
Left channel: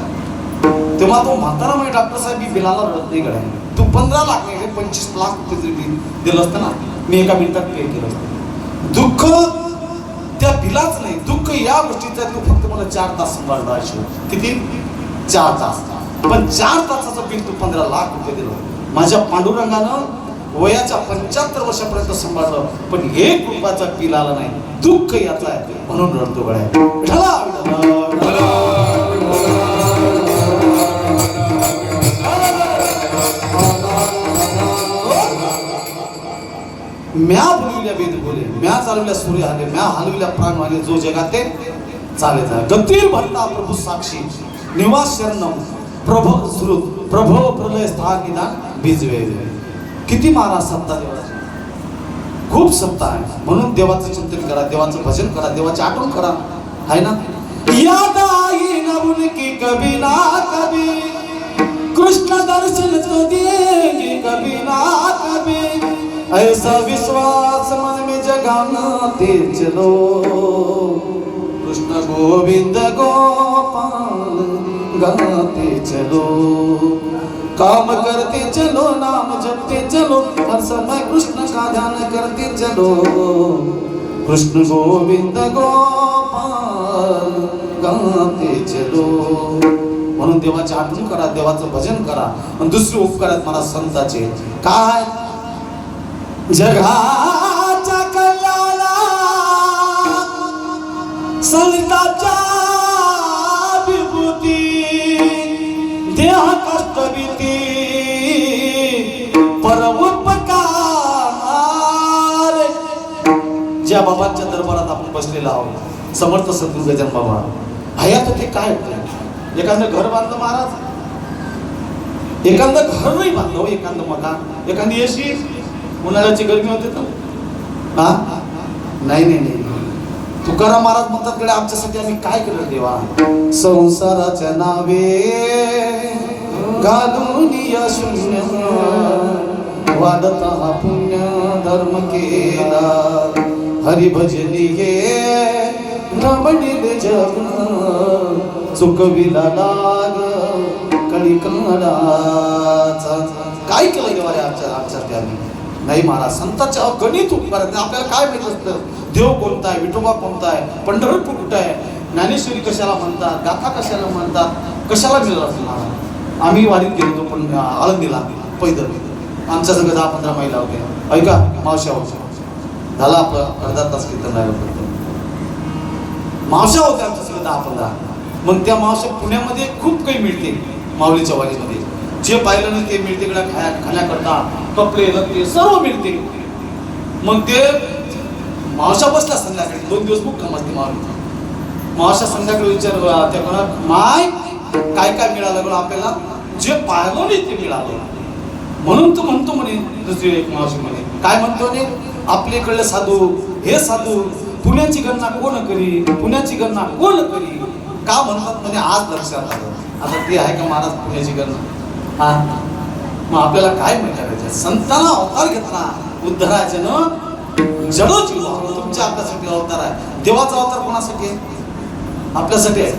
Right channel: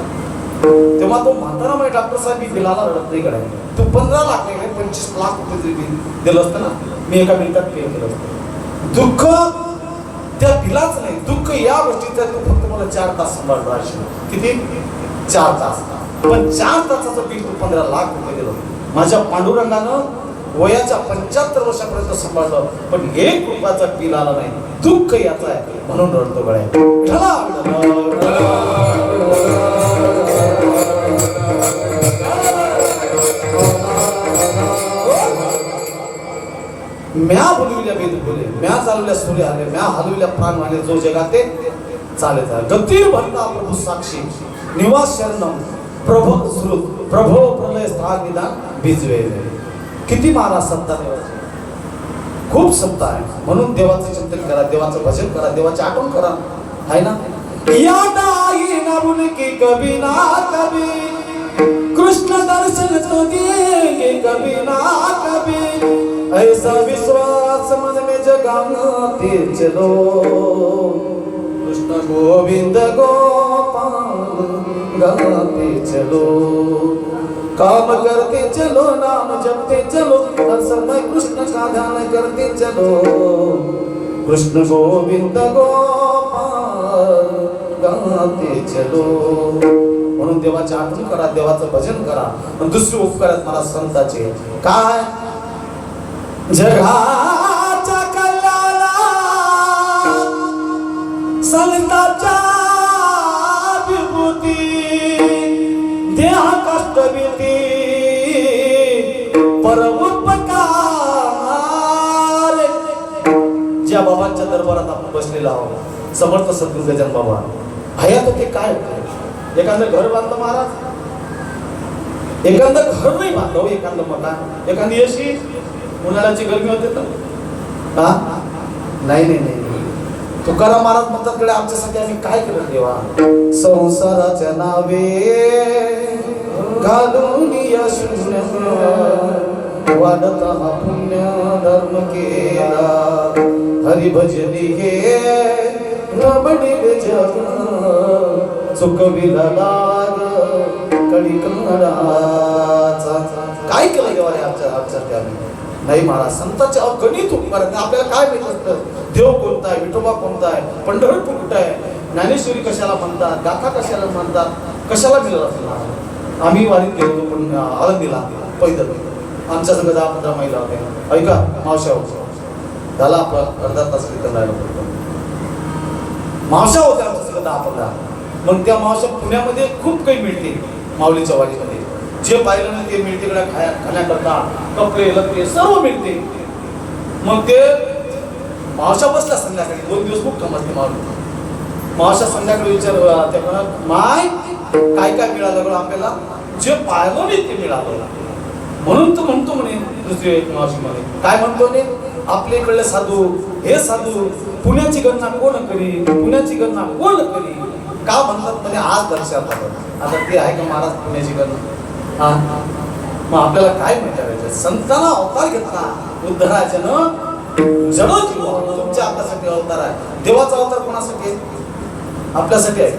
तेव्हा तो म्हातारा म्हणजे डॉक्टर साहेब ही बिलाला रडत नाही गड्या. तू 15 लाख नाही 25 लाख रुपये जरी दिलं असतं ना, मी एका मिनिटात पे केलं असतं. दुःख त्या बिलाच नाही, दुःख या गोष्टीचं तू फक्त मला 4 तास सांभाळतो. किती? 4 तास. पण 4 तासाचं बिल तू 15 लाख रुपये दिलं. माझ्या पांडुरंगानं वयाच्या 75 वर्षापर्यंत सांभाळलं, पण 1 रुपयाचा बिल आला नाही. दुःख याचा आहे म्हणून रडतो गड्या. म्या बोलविल्या वेद बोले, म्या चालविल्या सूर्य आले, म्या हलविल्या प्राण वाले, जो जगाते चालत आहे. गतीर भरता प्रभू साक्षी निवास शरणम प्रभो श्रुत प्रभो प्रलय स्थान निदान भिजवे. किती महाराज सत्ता देवाची, खूप सत्ता आहे. म्हणून देवाचं चिंतन करा, देवाचं भजन करा, देवाची आठवण करा, आहे ना. याद आई ना की कभी ना कभी कृष्ण दर्शन तो देंगे कभी ना कभी. ऐसा विश्वास मन में जगाते चलो, कृष्ण गोविंद गोपाल गाते चलो. काम करते चलो, नाम जपते चलो, हर समय कृष्ण का ध्यान करते चलो. कृष्ण गोविंद गोपाल गाते चलो. म्हणून देवाची आठवण करा, देवाचं भजन करा. पण दुसरे उपकार आहेत मला संताचे. काय? जगाच्या कल्याणा संताच्या विभूती, देह कष्ट भीती परमोपकार. ज्या बाबांच्या दरबारात आपण बसलेला आहोत, समर्थ सद्गुरू गजानन बाबा हयात होते. काय होते? एखादं घर बांधलं महाराज, एखादं घर नाही बांधलं, एखादं मकान, एखादी अशी उन्हाळ्याची गरमी होते तर हा नाही नाही नाही. तुकाराम महाराज म्हणतात कडे आमच्यासाठी आम्ही काय केलं देवा? संसाराच्या नावे घालून या शून्य वाढता पुण्य धर्म केला हरी भजनी हे रमणील जगन चुकविला लाग कळी कणाचा. काय केलं देवा रे आमच्या त्याने नाही महाराज. संतांच्या अगणित उपकार आहेत. आपल्याला काय माहित असतं देव कोणता आहे, विठोबा कोणता आहे, पंढरपूर कुठं आहे, ज्ञानेश्वरी कशाला म्हणतात, गाथा कशाला म्हणतात, कशाला दिलं असं महाराज. आम्ही वारीत गेलो होतो पण आळंदीला पैदल. आमच्या सगळं 10-15 महिला होत्या. ऐका मावशा होत्या. झाला आपलं अर्धा तास कीर्तन झालं होतं. मावशा होत्या आमच्या सगळं 10-15. मग त्या मावशा पुण्यामध्ये खूप काही मिळते माऊलीच्या वारीमध्ये. जे पाहिलं नाही ते मिळते इकडे खाण्याकरता कपडे लपडे सर्व मिळते. मग ते मावशा बसला संध्याकाळी 2 दिवस मुक्काम असते माऊली. मावशा संध्याकाळी विचार त्या कोणा माय काय काय मिळालं बरं आपल्याला. जे पाहिलं नाही ते मिळालं म्हणून तू म्हणतो म्हणे. दुसरी एक मावशी म्हणे काय म्हणतो ने आपल्या इकडले साधू हे साधू पुण्याची गणना कोण करी, पुण्याची गणना कोण करी का म्हणतात म्हणे. आज लक्षात आलं. आता ते आहे का महाराज पुण्याची गणना. हा मग आपल्याला काय करायचं. संतांना अवतार घेतला उद्धराच्यानं जड जीव तुमच्या आपल्यासाठी अवतार आहे. देवाचा अवतार कोणासाठी आहे, आपल्यासाठी आहे.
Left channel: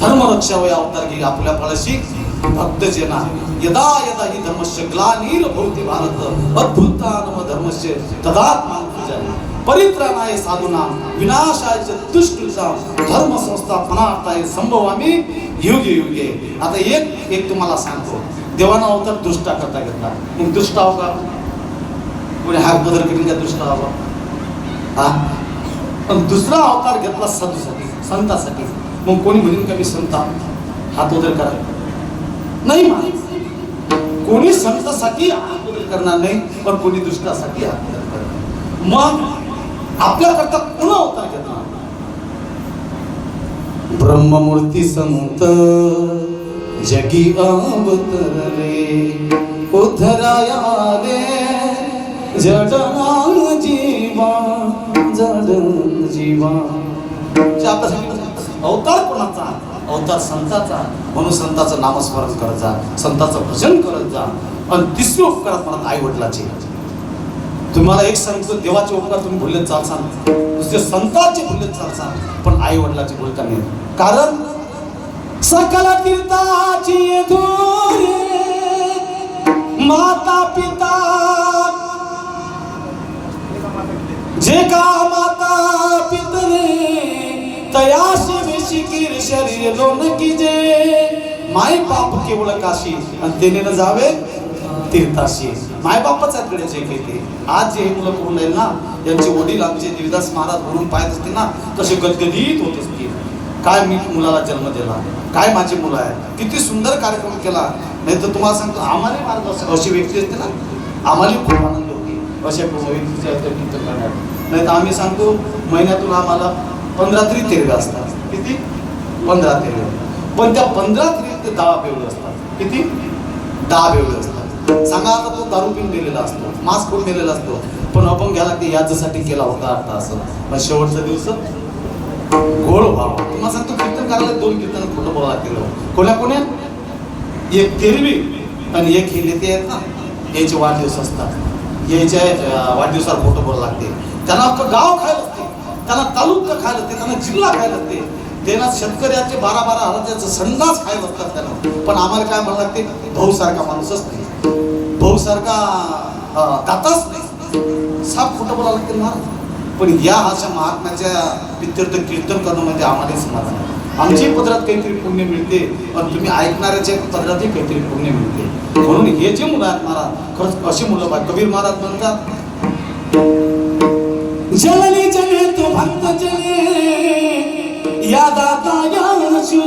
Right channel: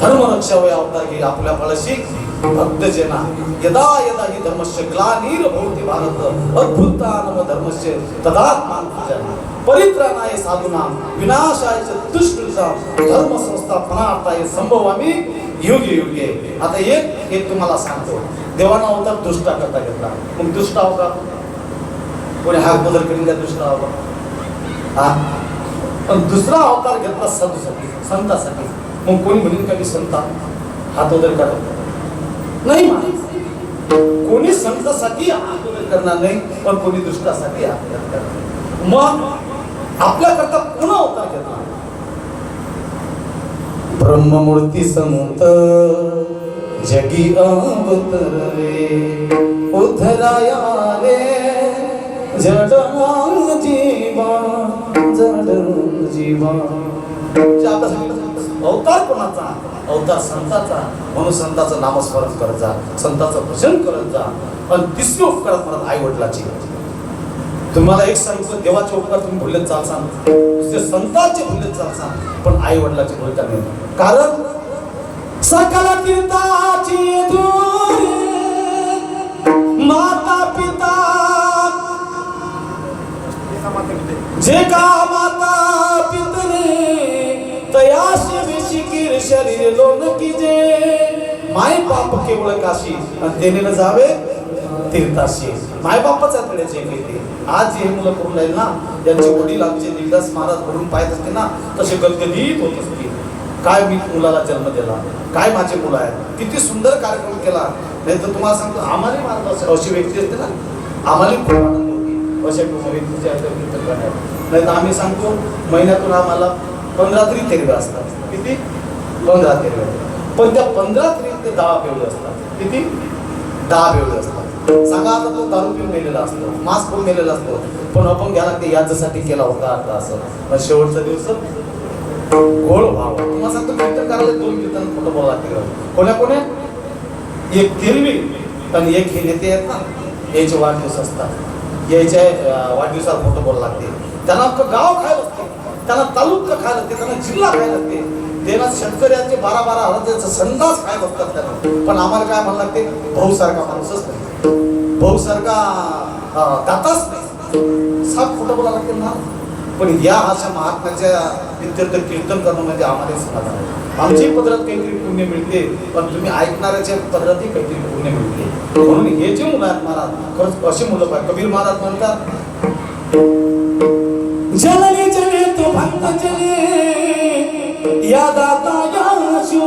धर्मरक्षा वय अवतार घे आपल्या फळशी भक्त जेना यदा यदा हि धर्मस्य ग्लानिर भवति भारत अद्भुतानम धर्मस्य तदात्मान परित्राणाय साधूनां विनाशाय च दुष्कृतां धर्म संस्थापनार्थाय संभवामि युगे युगे. आता एक तुम्हाला सांगतो. देवाना अवतार दुष्टा करता घेतला. मग दुष्टा होगा कोणी हात बदल करील का दुष्टा हवा. हा पण दुसरा अवतार घेतला साधूसाठी संतासाठी. मग कोणी म्हणेल का मी संता हात बदल करा नाही. कोणी संतासाठी हात बदल करणार नाही पण कोणी दुष्टासाठी हात बदल करणार. मग आपल्याकरता पुन्हा अवतार घेतला. ब्रह्ममूर्ती संत जगी अवतरले उद्धरायाले जड जीवा जड जीवा. अवतार कोणाचा, अवतार संताचा. म्हणून संताचं नामस्मरण करत जा, संताचं भजन करत जा. आणि तिसरी उपकार म्हणत आई वडिलाची. तुम्हाला एक सांगतो देवाचे उपकार तुम्ही भुलत चालसान, दुसरे संतांचे भुलत चालसान पण आई वडिलाचे भुलता नाही. कारण सकल कीर्ताची धुरी माता पिता जे का माता पितरे तयाशी शिकीर शरीर दोन की जे माय बाप केवळ काशी आणि त्याने न जावे तीर्थाशी. माय बापच कडे जे केले आज जे मुलं करून राहील ना यांचे वडील आमचे देवीदास महाराज भरून पाहत असते ना तसे गदगदीत होत असतील. काय मी मुलाला जन्म दिला, काय माझी मुलं आहे, किती सुंदर कार्यक्रम केला. नाही तर तुम्हाला सांगतो आम्हाला मार्ग अशी व्यक्ती असते ना आम्हाला खूप आनंद होती अशा व्यक्तीच्या करणार. नाही तर आम्ही सांगतो महिन्यातून आम्हाला 15 तरी तेरवे असतात. किती 15 तेरवे. पण त्या 15 तरी 10 बेवडे असतात. किती 10 बेवडे असतात. सांगा आता तो दारू पिऊन गेलेला असतो, मास्क करून गेलेला असतो पण आपण घ्यायला ते याच्यासाठी केला होता आता असं शेवटचा दिवस गोळ व्हावा. तुम्हाला सांगतो कीर्तन करायला 2 कीर्तन खोटं बोलावं लागतील. कोण्या कोण्या एक तेरवी आणि एक हे नेते आहेत ना याचे वाढदिवस असतात. याच्या वाढदिवसाला खोटं बोलावं लागते. त्यांना अख्खं गाव खायला असते, त्यांना तालुका खायला असते, त्यांना जिल्हा खायला असते, त्यांना शेतकऱ्याचे 12-12 हजाराचे संडास खायला असतात त्यांना. पण आम्हाला काय म्हणावं लागते भाऊ सारखा माणूसच नाही, भाऊ सारखा दाताच नाही. साप खोटं बोलावं लागते ना. पण या अशा महात्म्याच्या विद्यार्थ कीर्तन करणं म्हणजे आम्हाला समाधान. आमची पदरात काहीतरी पुण्य मिळते पण तुम्ही ऐकणाऱ्याच्या पदरातही काहीतरी पुण्य मिळते. म्हणून हे जे मुलं आहेत महाराज खरंच अशी मुलं पाहिजे. कबीर महाराज म्हणतात जलने जले तो भक्त जले या दाता याशु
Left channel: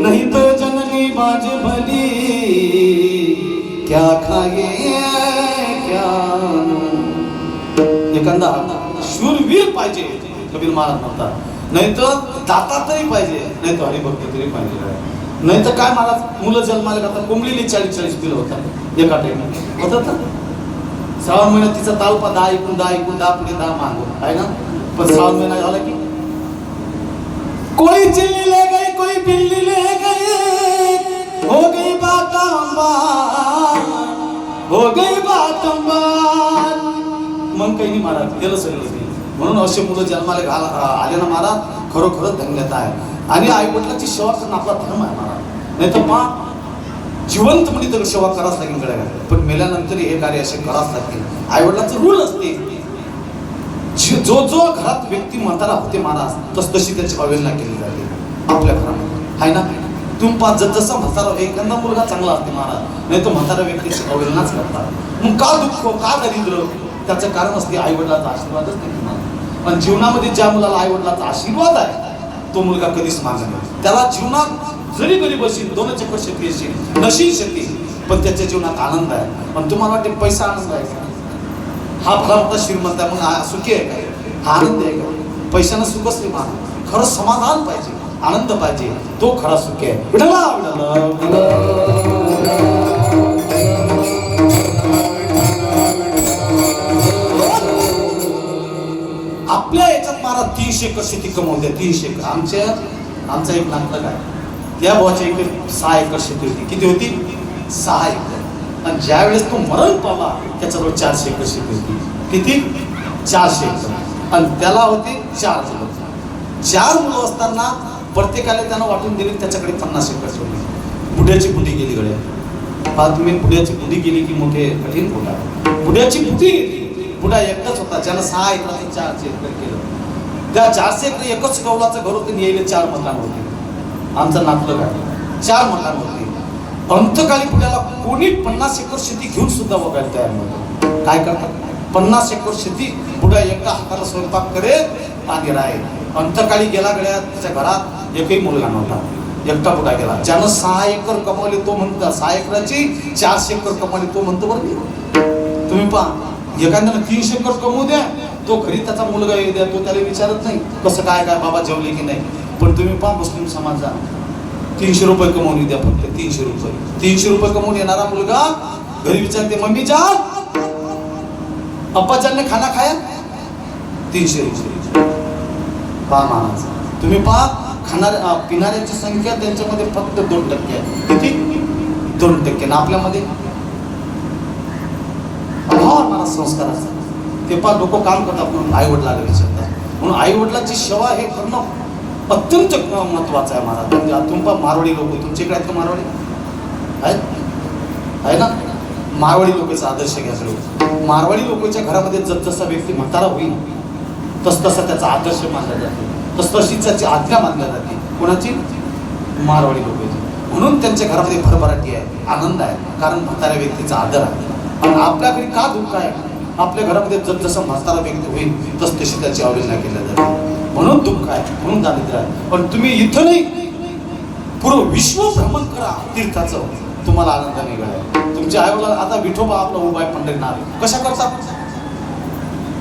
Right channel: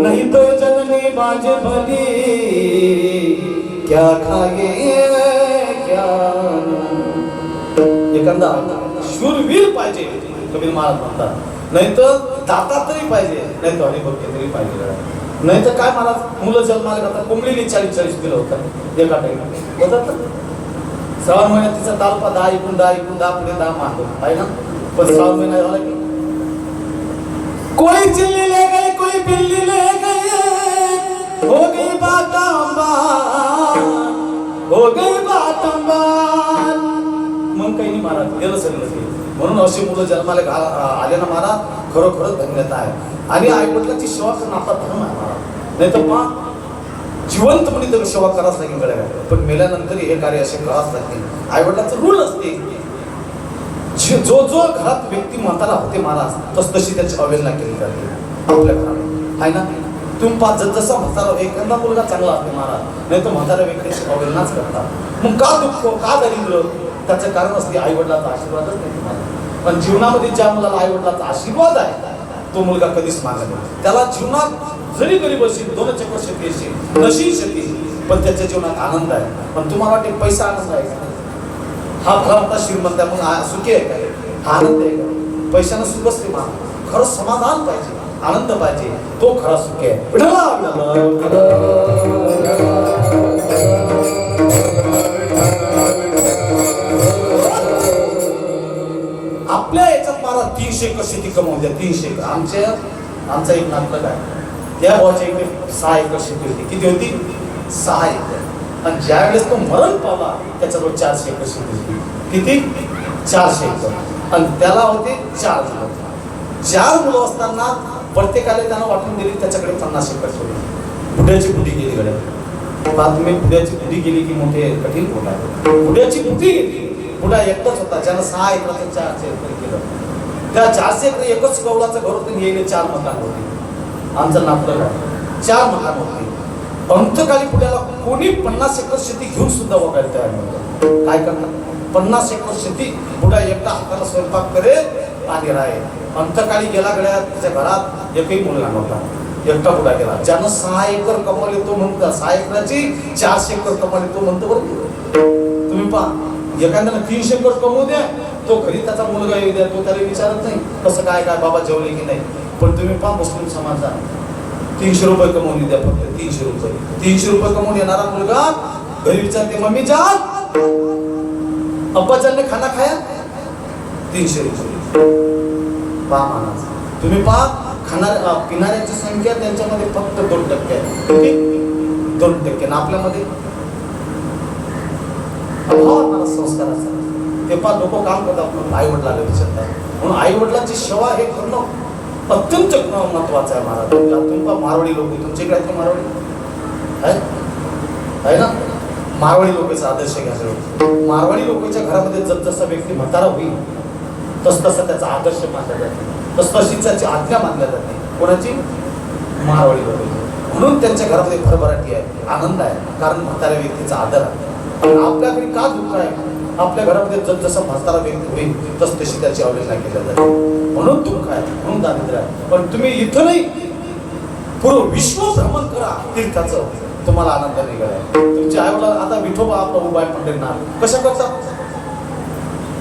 नहीं तो जननी बाज भली क्या खाये क्या. एखादा शूरवीर पाहिजे कबीर महाराज म्हणतात. नाही तर दाता तरी पाहिजे, नाही तर हरिभक्त तरी पाहिजे. नाही तर काय महाराज मुलं जन्माला घालतात कोंबडीली 40-40 किलो होतात एका टाइम होतात. श्रावण महिन्यात तिचा तालपा 10 इकून 10 पुढे 10 माग आहे ना. पण श्रावण महिना झाला की कोई चिल्ली ले गई कोई बिल्ली ले गई हो गई बाटा हो गई बात अंबान. मग काही नाही महाराज, गेलं सगळं ते. म्हणून अशी मुलं जन्माला आले ना महाराज, खरोखरच धन्यता आहे. आणि आईवडिलांची सेवा करणं आपला धर्म आहे महाराज. नाही तर मग जिवंतपणे तर सेवा करावंच लागेल गड्या, पण मेल्यानंतर हे कार्य असे करावंच लागतील. आईवडिलांचं रूल असते. जो जो घरात व्यक्ती म्हातारा होते महाराज, तशी त्याची अवहेलना केली जाते आपल्या घरामध्ये, आहे ना. तुम्ही पाच जसा म्हातारा, एखादा मुलगा चांगला असते महाराज, नाही तर म्हातारा व्यक्तीची अवहेलनाच करतात. मग का दुःख, का दारिद्र्य, त्याचं कारण असते आईवडिलाचा आशीर्वादच नाही तुम्हाला. पण जीवनामध्ये ज्या मुलाला आईवडिलाचा आशीर्वाद आहे, तो मुलगा कधीच मागे नाही. त्याला जीवनात जरी गरीब असेल, 2 चक्र शेती असेल, नशीब शेती, पण त्याच्या जीवनात आनंद आहे. पण तुम्हाला वाटते पैसा आनंद आहे का? हा भला मोठा श्रीमंत आहे म्हणून सुखी आहे का? हा आनंद आहे का? पैशानं सुखच नाही महाराज. खरं समाधान पाहिजे, आनंद पाहिजे, तो खरा सुखी आहे. आपल्या याच्यात महाराज 300 एकर शेती कमवल्या. 300 एकर. आमचा एक नातलग आहे, त्या भावाच्या इकडे 6 एकर शेती होती. किती होती? 6 एकर. आणि ज्या वेळेस तो मरण पावला, त्याच्याजवळ 400 एकर शेती होती. किती? 400 एकर. आणि त्याला होते 4 मुलं. 4 मुलं असताना प्रत्येकाला त्यानं वाटून दिली, त्याच्याकडे 50 एकर सोडली. बुड्याची बुडी गेली गड्या. पहा तुम्ही, बुड्याची बुडी गेली की मोठे कठीण बोला. बुड्याची बुडी गेली. बुडा एकटाच होता, ज्यानं 6 एकर 400 एकर केलं. त्या 400 एकर एकच कौलाचं घर होतं, यायला 4 मकान होती. आमचं नातलग आहे, 4 मकान होती. अंतकाली पुढ्याला कोणी 50 एकर शेती घेऊन सुद्धा बघायला तयार नव्हतं. काय करणार? 50 एकर शेती बुडा एकटा हाताला स्वयंपाक करेल आणि राहील. अंतकाळी गेला गड्या, त्याच्या घरात एकही मुलगा नव्हता, एकटा बुडा गेला. ज्यानं 6 एकर कमावले तो म्हणतो, 6 एकराची 400 एकर कमावली तो म्हणतो. बरं तुम्ही पहा, एखाद्याला 300 एकर कमवू द्या, तो घरी त्याचा मुलगा येऊ द्या, तो त्याला विचारत नाही कसं काय काय बाबा जेवले की नाही. पण तुम्ही पहा मुस्लिम समाजा, 300 रुपये कमवून द्या, फक्त 300 रुपये. 300 रुपये कमवून येणारा मुलगा घरी विचारते, मम्मी जान, अप्पा जान ने खाना खाया? 300 रुपये. पहा महाराज, तुम्ही पहा पिणाऱ्याची संख्या त्यांच्यामध्ये फक्त 2% आहे. किती? 2%. ना आपल्यामध्ये संस्कार असतात. ते पहा लोक काम करतात म्हणून आई वडिलांना विचारतात. म्हणून आई वडिलांची सेवा हे करणं अत्यंत महत्वाचं आहे महाराज. तुम्ही मारवाडी लोक, तुमच्याकडे आहेत का मारवाडी? आहे ना. मारवाडी लोकांचा आदर्श घ्या सगळं. मारवाडी लोकांच्या घरामध्ये जसजसा व्यक्ती म्हातारा होईल, तसतसा त्याचा आदर्श मानला जाते, तसतशी त्याची आज्ञा मानल्या जाते. कोणाची? मारवाडी लोकांची. म्हणून त्यांच्या घरामध्ये भरभराटी आहे, आनंद आहे, कारण म्हाताऱ्या व्यक्तीचा आदर आहे. आणि आपल्याकडे का दुःख आहे? आपल्या घरामध्ये जसजसा म्हातारा व्यक्ती होईल तसतशी त्याची अवहेलना केली जाते. म्हणून दुःख आहे, म्हणून दारिद्र्य आहे. पण तुम्ही इथं नाही, पूर्ण विश्व भ्रमण करा तीर्थाचं, तुम्हाला आनंद निघाला. तुमच्या आईवडिला आता विठोबा आपला उभा आहे पंढरीनाथ, कशा करतात?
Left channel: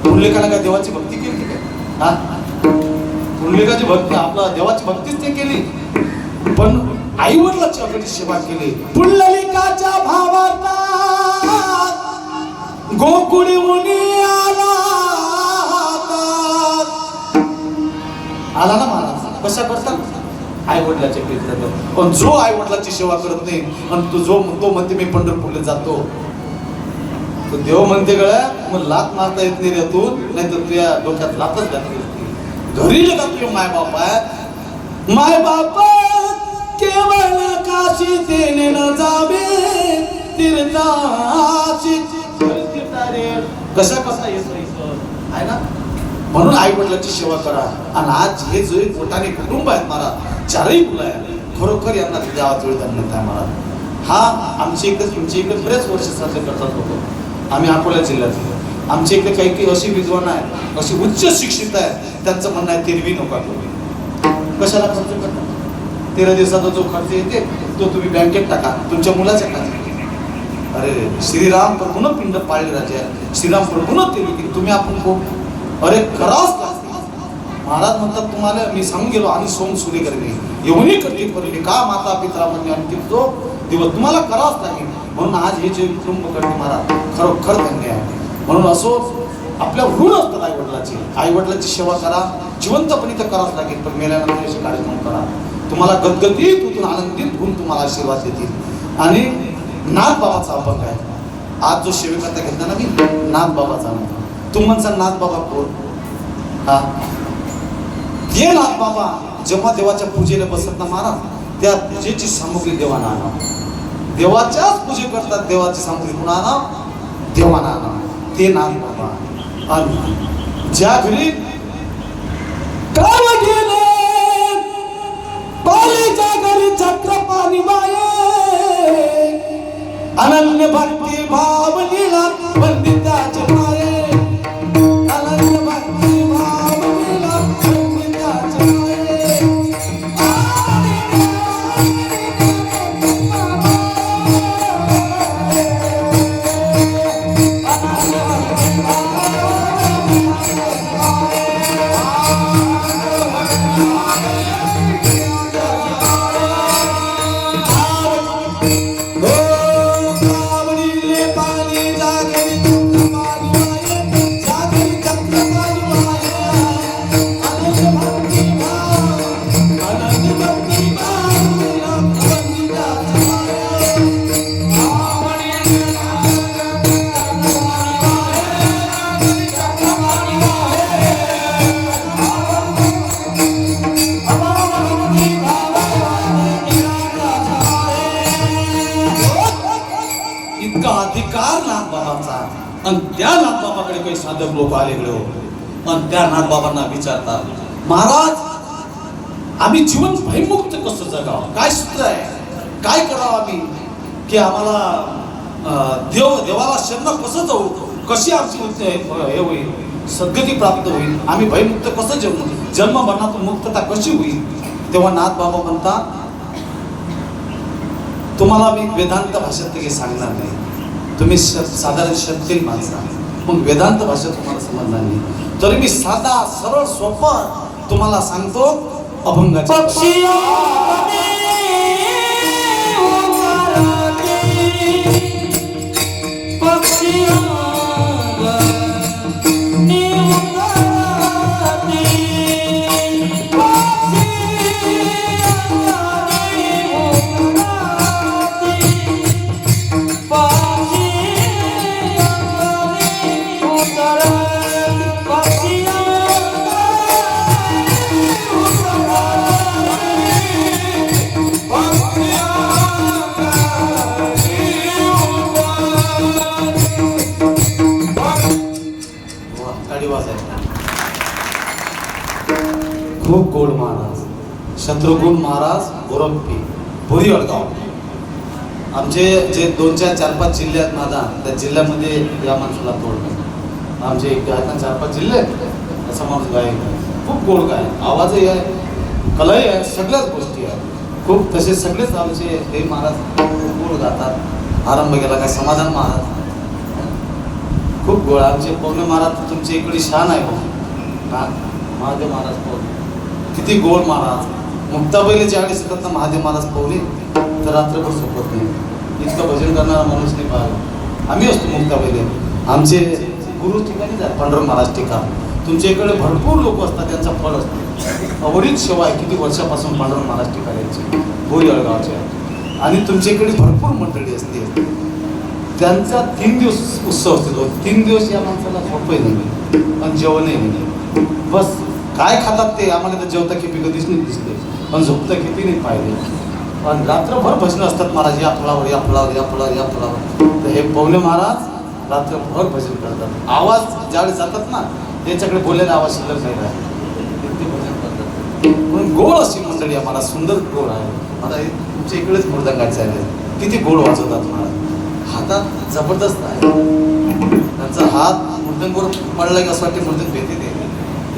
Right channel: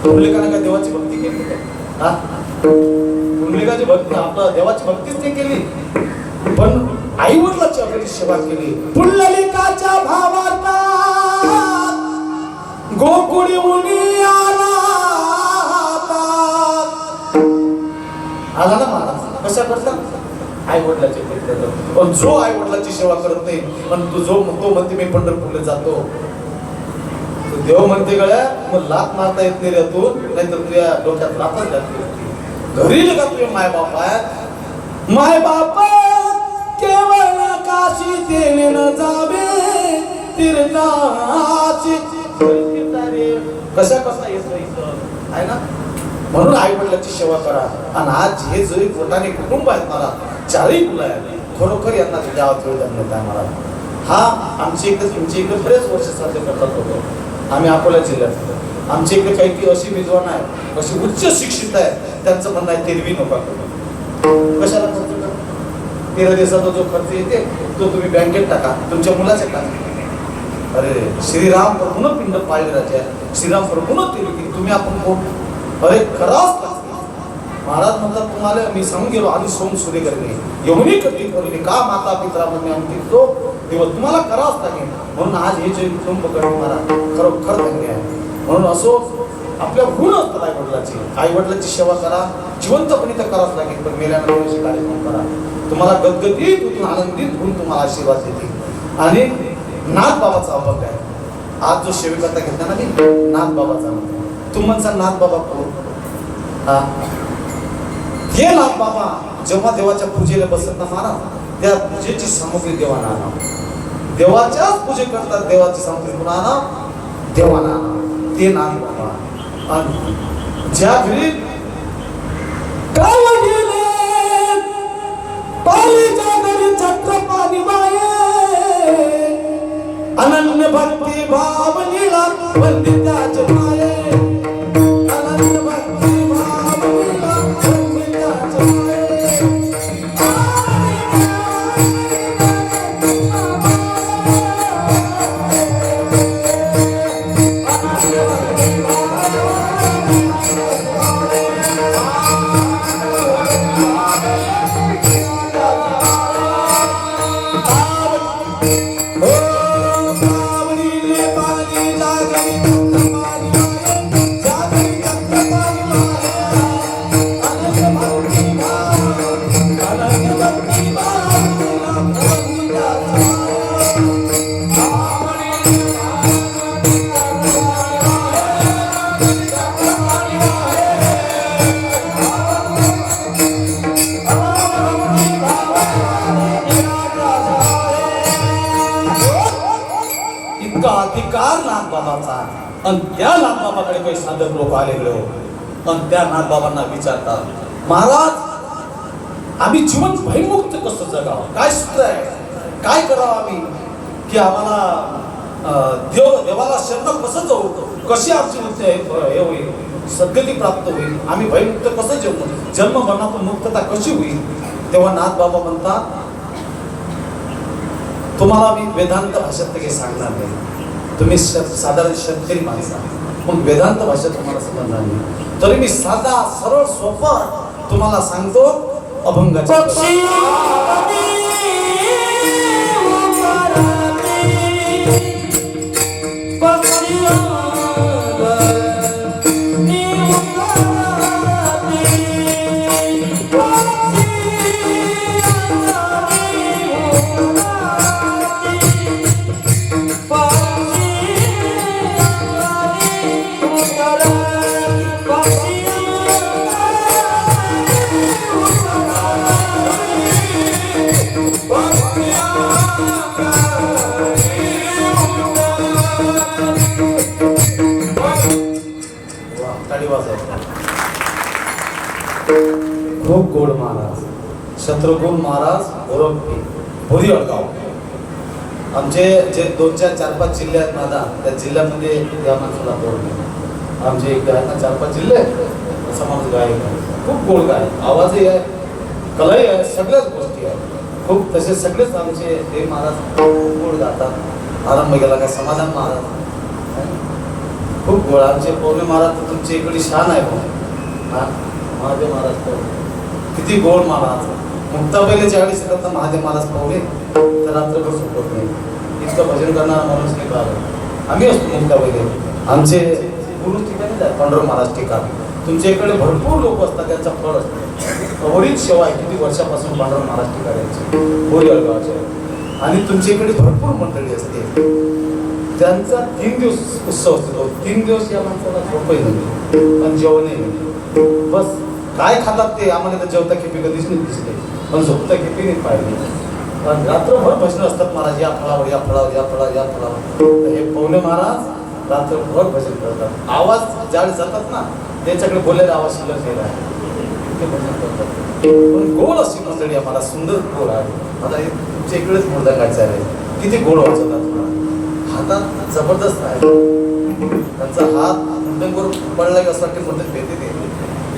पुंडलिकाने काय देवाची भक्ती केली काय? हा, पुंडलिकाची भक्ती, आपला देवाची भक्तीच नाही केली, पण आई वडिलांची आपली सेवा केली. पुंडलिकाच्या भावार्थ गोकुळी मुनी आला ना महाराज. कशा करतात? आई वडिलाचे मित्र. पण जो आई वडिलाची सेवा करत नाही, पण तो म्हणते मी पंढरपूरला जातो, तो देव म्हणते गळ्या मग लात मारता येत नाही रे तू, नाही तर तुझ्या डोक्यात लातच घातली. घरी का तुझे माय बाप आहे, माय बाप केवळ काशी तेने न जावे तीर्थाची. कसा येतो इथं आहे ना. म्हणून आई वडिलांची सेवा करा. आणि आज हे जे पोटाने कुटुंब आहेत मला, 4ही मुलं आहेत, खरोखर यांना देवाच वेळ धन्यता आहे मला. हा आमच्या इकडे तुमच्या इकडे बरेच वर्ष साजरे करतात होतो. आम्ही अकोला जिल्ह्यात, आमच्या इकडे काही काही अशी विद्वान आहेत, अशी उच्च शिक्षित आहेत, त्यांचं म्हणणं आहे तेरवी नका करू. कशाला खर्च करता? 13 दिवसाचा जो खर्च येते तो तुम्ही बँकेत टाका, तुमच्या मुलाच्या टाका. अरे श्रीराम प्रभून पिंड पाळले राजा, श्रीराम प्रभून केली, तुम्ही आपण कोण? अरे कराच लागते. महाराज म्हणतात तुम्हाला मी सांगून गेलो, आणि सोम सूर्य करणे यमुनी करते करणे का माता पित्रा म्हणजे आमची तो देव तुम्हाला करावंच लागेल. म्हणून आज हे जे कुटुंब करणे मला खरोखर धन्य आहे. म्हणून असो आपल्या ऋण असतात आई वडिलाची. आई वडिलाची सेवा करा, जिवंतपणे तर करावंच लागेल, पण मेल्यानंतर अशी कार्यक्रम करा. तुम्हाला गदगदीत होऊन आनंदित होऊन तुम्हाला आशीर्वाद देतील. आणि नाथ बाबाचा अभंग आहे, आज जो सेविकता घेतला ना मी नाथ बाबाचा म्हणतो. तू म्हणसा नाथ बाबा कोण? हा हे नाथ बाबा जेव्हा देवाच्या पूजेला बसत ना महाराज, त्या पूजेची सामुग्री देवाना आणा. देवाच्याच पूजे करतात, देवाची सामुग्री कोण आणा? देवाना आणा. ते नाथ बाबा. आणि ज्या घरी काल गेले पालीच्या घरी छत्रपाणी माये, अनन्य भक्ती भाव नीला पंडिताचे माये, अनन्य भक्ती भाव नीला पंडिताचे माये. इतका अधिकार नाथबाबांचा. आणि त्या नाथबाबाकडे काही साधक लोक आलेकडे हो, आणि त्या नाथबाबांना विचारतात, महाराज आम्ही जीवन भयमुक्त कसं जगावं, काय सूत्र आहे, काय करावं आम्ही की आम्हाला देवाला शरण कसं जाऊ, कशी आमची मुक्ती हे होईल, सद्गती प्राप्त होईल, आम्ही भयमुक्त कसं जन्म मरणातून मुक्तता कशी होईल. तेव्हा नाथबाबा म्हणतात, तुम्हाला मी वेदांत भाषेत काही सांगणार नाही, तुम्ही साधारण शेतकरी माणसं आहे, मग वेदांत भाषा तुम्हाला समजणार नाही, तरी मी साधा सरळ सोपं तुम्हाला सांगतो. अभंगाच्या खूप गोड महाराज, शत्रुघ्न महाराज गोरखी भोरी अडगाव. आमचे जे 2-4-5 जिल्हे आहेत माझा, त्या जिल्ह्यामध्ये या माणसाला तोडलं. आमचे एक आहेत ना 4-5 जिल्हे, असा माणूस गायक खूप गोड गाय, आवाजही आहे, कलाही आहे, सगळ्याच गोष्टी आहेत खूप. तसे सगळेच आमचे हे महाराज खूप गोड गातात. आरंभ गेला काय समाधान महाराज खूप गोड. आमचे पौर्णे महाराज तर तुमच्या इकडे शान आहे पण महादेव महाराज पौर्णे किती गोड महाराज. मुक्ताबाईला ज्यावेळेस येतात ना महादेव महाराज पौर्णे तर रात्रभर झोपत नाही, इतकं भजन करणारा माणूस नाही का. आम्ही असतो मुक्ताबाईले. आमचे गुरु ठिकाणी जाय पांडुरंग महाराज ठिकाण. तुमच्या इकडे भरपूर लोक असतात, त्यांचा फळ असतो. अवरीत सेवा आहे किती वर्षापासून पांडुरंग महाराज ठिकाणाची बोरी अडगावचे. आणि तुमच्या इकडे भरपूर मंडळी असते, त्यांचा 3 दिवस उत्सव असतो. 3 दिवस या माणसाला झोपही नाही पण जेवणही नाही. बस काय खातात ते आम्हाला तर जेवता खेपी कधीच नाही दिसते, पण झोपता खेपी नाही पाहिजे. पण रात्रभर भजन असतात महाराज, या फळावर या फळावर या फळावर या फळावर. तर हे पौले महाराज रात्रभर भजन करतात. आवाज ज्यावेळेस जातात ना त्यांच्याकडे बोललेला आवाज शिल्लक राहिला आहे, इतके भजन करतात. पण गोड अशी मंडळी आम्हाला सुंदर गोड आहे. आता हे तुमच्या इकडेच मुर्दा गायचं आहे, किती गोड वाजवतात तुम्हाला. हातात जबरदस्त आहे, त्यांचा हात मुद्दंवर पडला की असं वाटते मुद्दे भेटते ते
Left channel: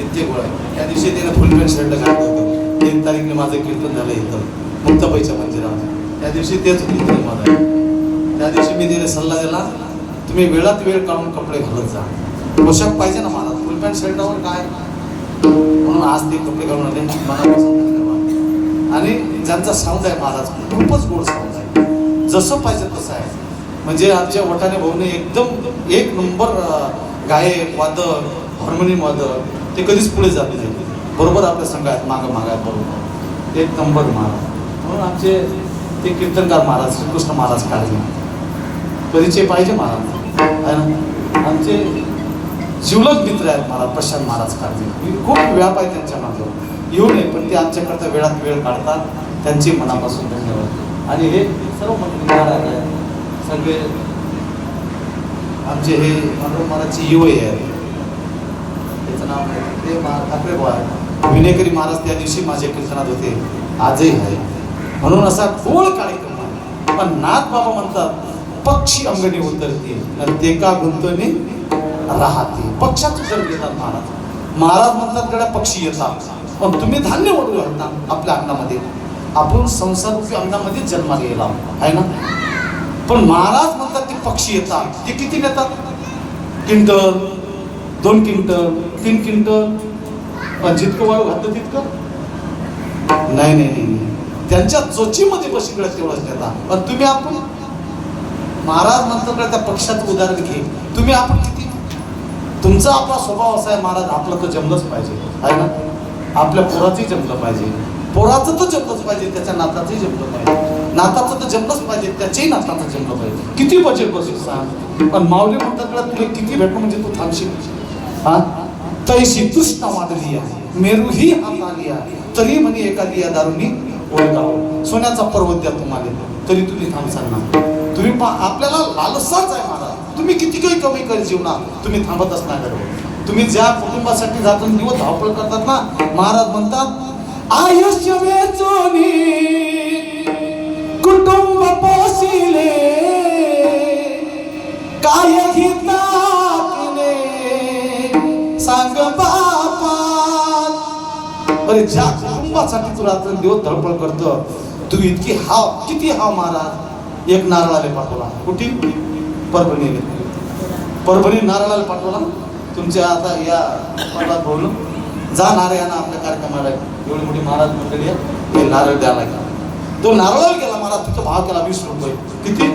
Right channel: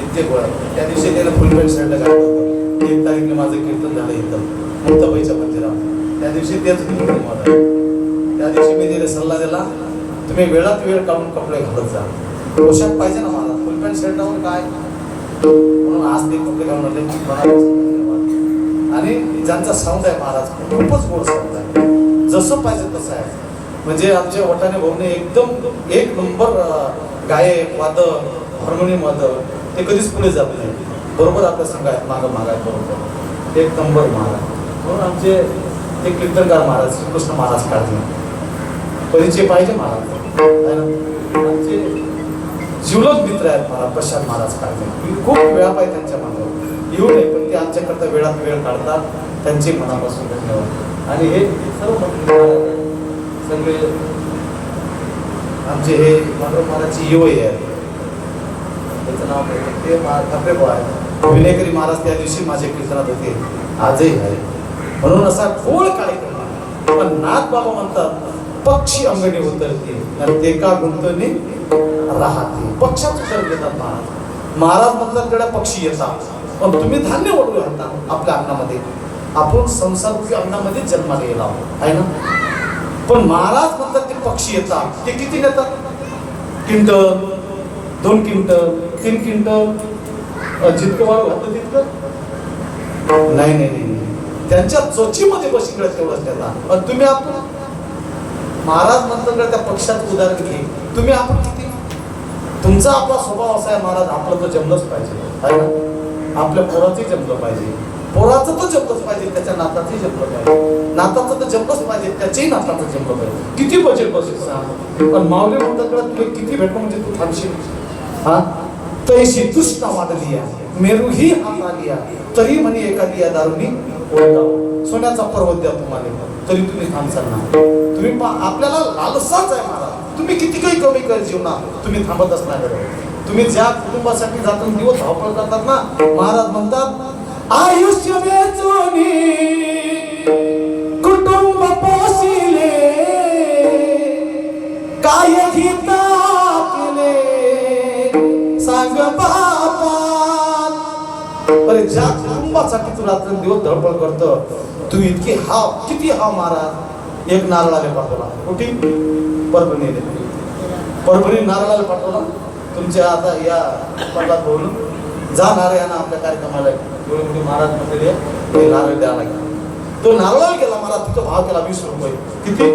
इतके गोड आहे. त्या दिवशी त्याने फुलपेंट शर्टला घातलं होतं. 3 तारीखला माझं कीर्तन झालं इथं मुक्ताबाईच्या मंदिरावर. त्या दिवशी तेच कीर्तन माझं. त्या दिवशी मी तिने सल्ला दिला, तुम्ही वेळात वेळ काढून कपडे घालत जा. पोशाख पाहिजे ना मला, फुलपेंट शर्टावर काय, म्हणून आज ते कपडे घालून आले. आणि ज्यांचा साऊंड आहे महाराज खूपच गोड साऊंड आहे, जसं पाहिजे तसं आहे. म्हणजे आमच्या ओठाने भाऊने एकदम 1 नंबर गायक वादक हार्मोनियम वादक, ते कधीच पुढे जात नाही, बरोबर आपल्या संघात मागं मागायत बरोबर 1 नंबर महाराज. म्हणून आमचे ते कीर्तनकार महाराज श्रीकृष्ण महाराज काढले परिचय पाहिजे महाराज. आमचे जिवलग मित्र आहेत महाराज प्रशांत महाराज काढले. मी खूप व्याप आहे त्यांच्या मागे, येऊ नये पण ते आमच्याकरता वेळात वेळ काढतात. त्यांचे मनापासून धन्यवाद. आणि हे सर्व मंडळी सगळे आमचे हे माधव महाराजची युवई आहेत. त्याचं नाव ते ठाकरे भाऊ आहे. विनेकरी महाराज त्या दिवशी माझे कीर्तनात होते, आजही आहे. म्हणून असा खोल कार्यक्रम आहे. पण नाथ बाबा म्हणतात पक्षी अंगणी उतरते ते का गुंतवणी राहते. पक्षाचं ठर घेतात महाराज. महाराज म्हणतात कडे पक्षी येतात पण तुम्ही धान्य ओढू घालता आपल्या अन्नामध्ये. आपण संसारूपी अन्नामध्ये जन्माला गेला आहे ना. पण महाराज म्हणतात ते पक्षी येतात. ते किती येतात? क्विंटल, 2 क्विंटल, 3 क्विंटल, जितकं वाळू घातलं तितकं नाही नाही नाही. त्यांच्या चोचीमध्ये बसकडे तेवढंच देतात. पण तुम्ही आपण महाराज म्हणतात त्या पक्षाचं उदाहरण घे. तुम्ही आपण किती? तुमचा आपला स्वभाव असा आहे महाराज, आपलं तर जमलंच पाहिजे आहे ना. आपल्या पोराचंही जमलं पाहिजे, पोराचं तर जमलंच पाहिजे, त्याच्या नाताचंही जमलं पाहिजे, नाताचं तर जमलंच पाहिजे, त्याच्याही नाताचं जमलं पाहिजे. किती बजेट बसेल सांग. पण माऊली म्हणतात तुला किती भेटलं म्हणजे तू थांबशील. हा तैशी तृष्णा वाढली आहे, मेरूही हात आली आहे, तरी म्हणे एखादी या दारूनी ओळखावं. सोन्याचा पर्वत द्या तुम्हाला तरी तुम्ही थांबसाल ना. तुम्ही आपल्याला लालसाच आहे महाराज. तुम्ही किती काही कमी कर जीवनात तुम्ही थांबत असणार. तुम्ही ज्या कुटुंबासाठी जातून दिवस धावपळ करतात ना, महाराज म्हणतात आयुष्य वेचोनी कुटुंब पोसिले काय घेता सांग बापा. अरे ज्या कुटुंबासाठी तू रात्र दिवस धडपड करतो, तुम्ही इतकी हाव किती हाव महाराज. एक नारळाला पाठवला कुठे? परभणी नारळाला पाठवला. तुमच्या आता या पर्वात बोलून जाणार आहे ना आपल्या कार्यक्रमाला एवढी मोठी महाराज मंडळी नारळ द्यायला गेला. तो नारळाला गेला महाराज, तिथं भाव केला 20 रुपये. किती?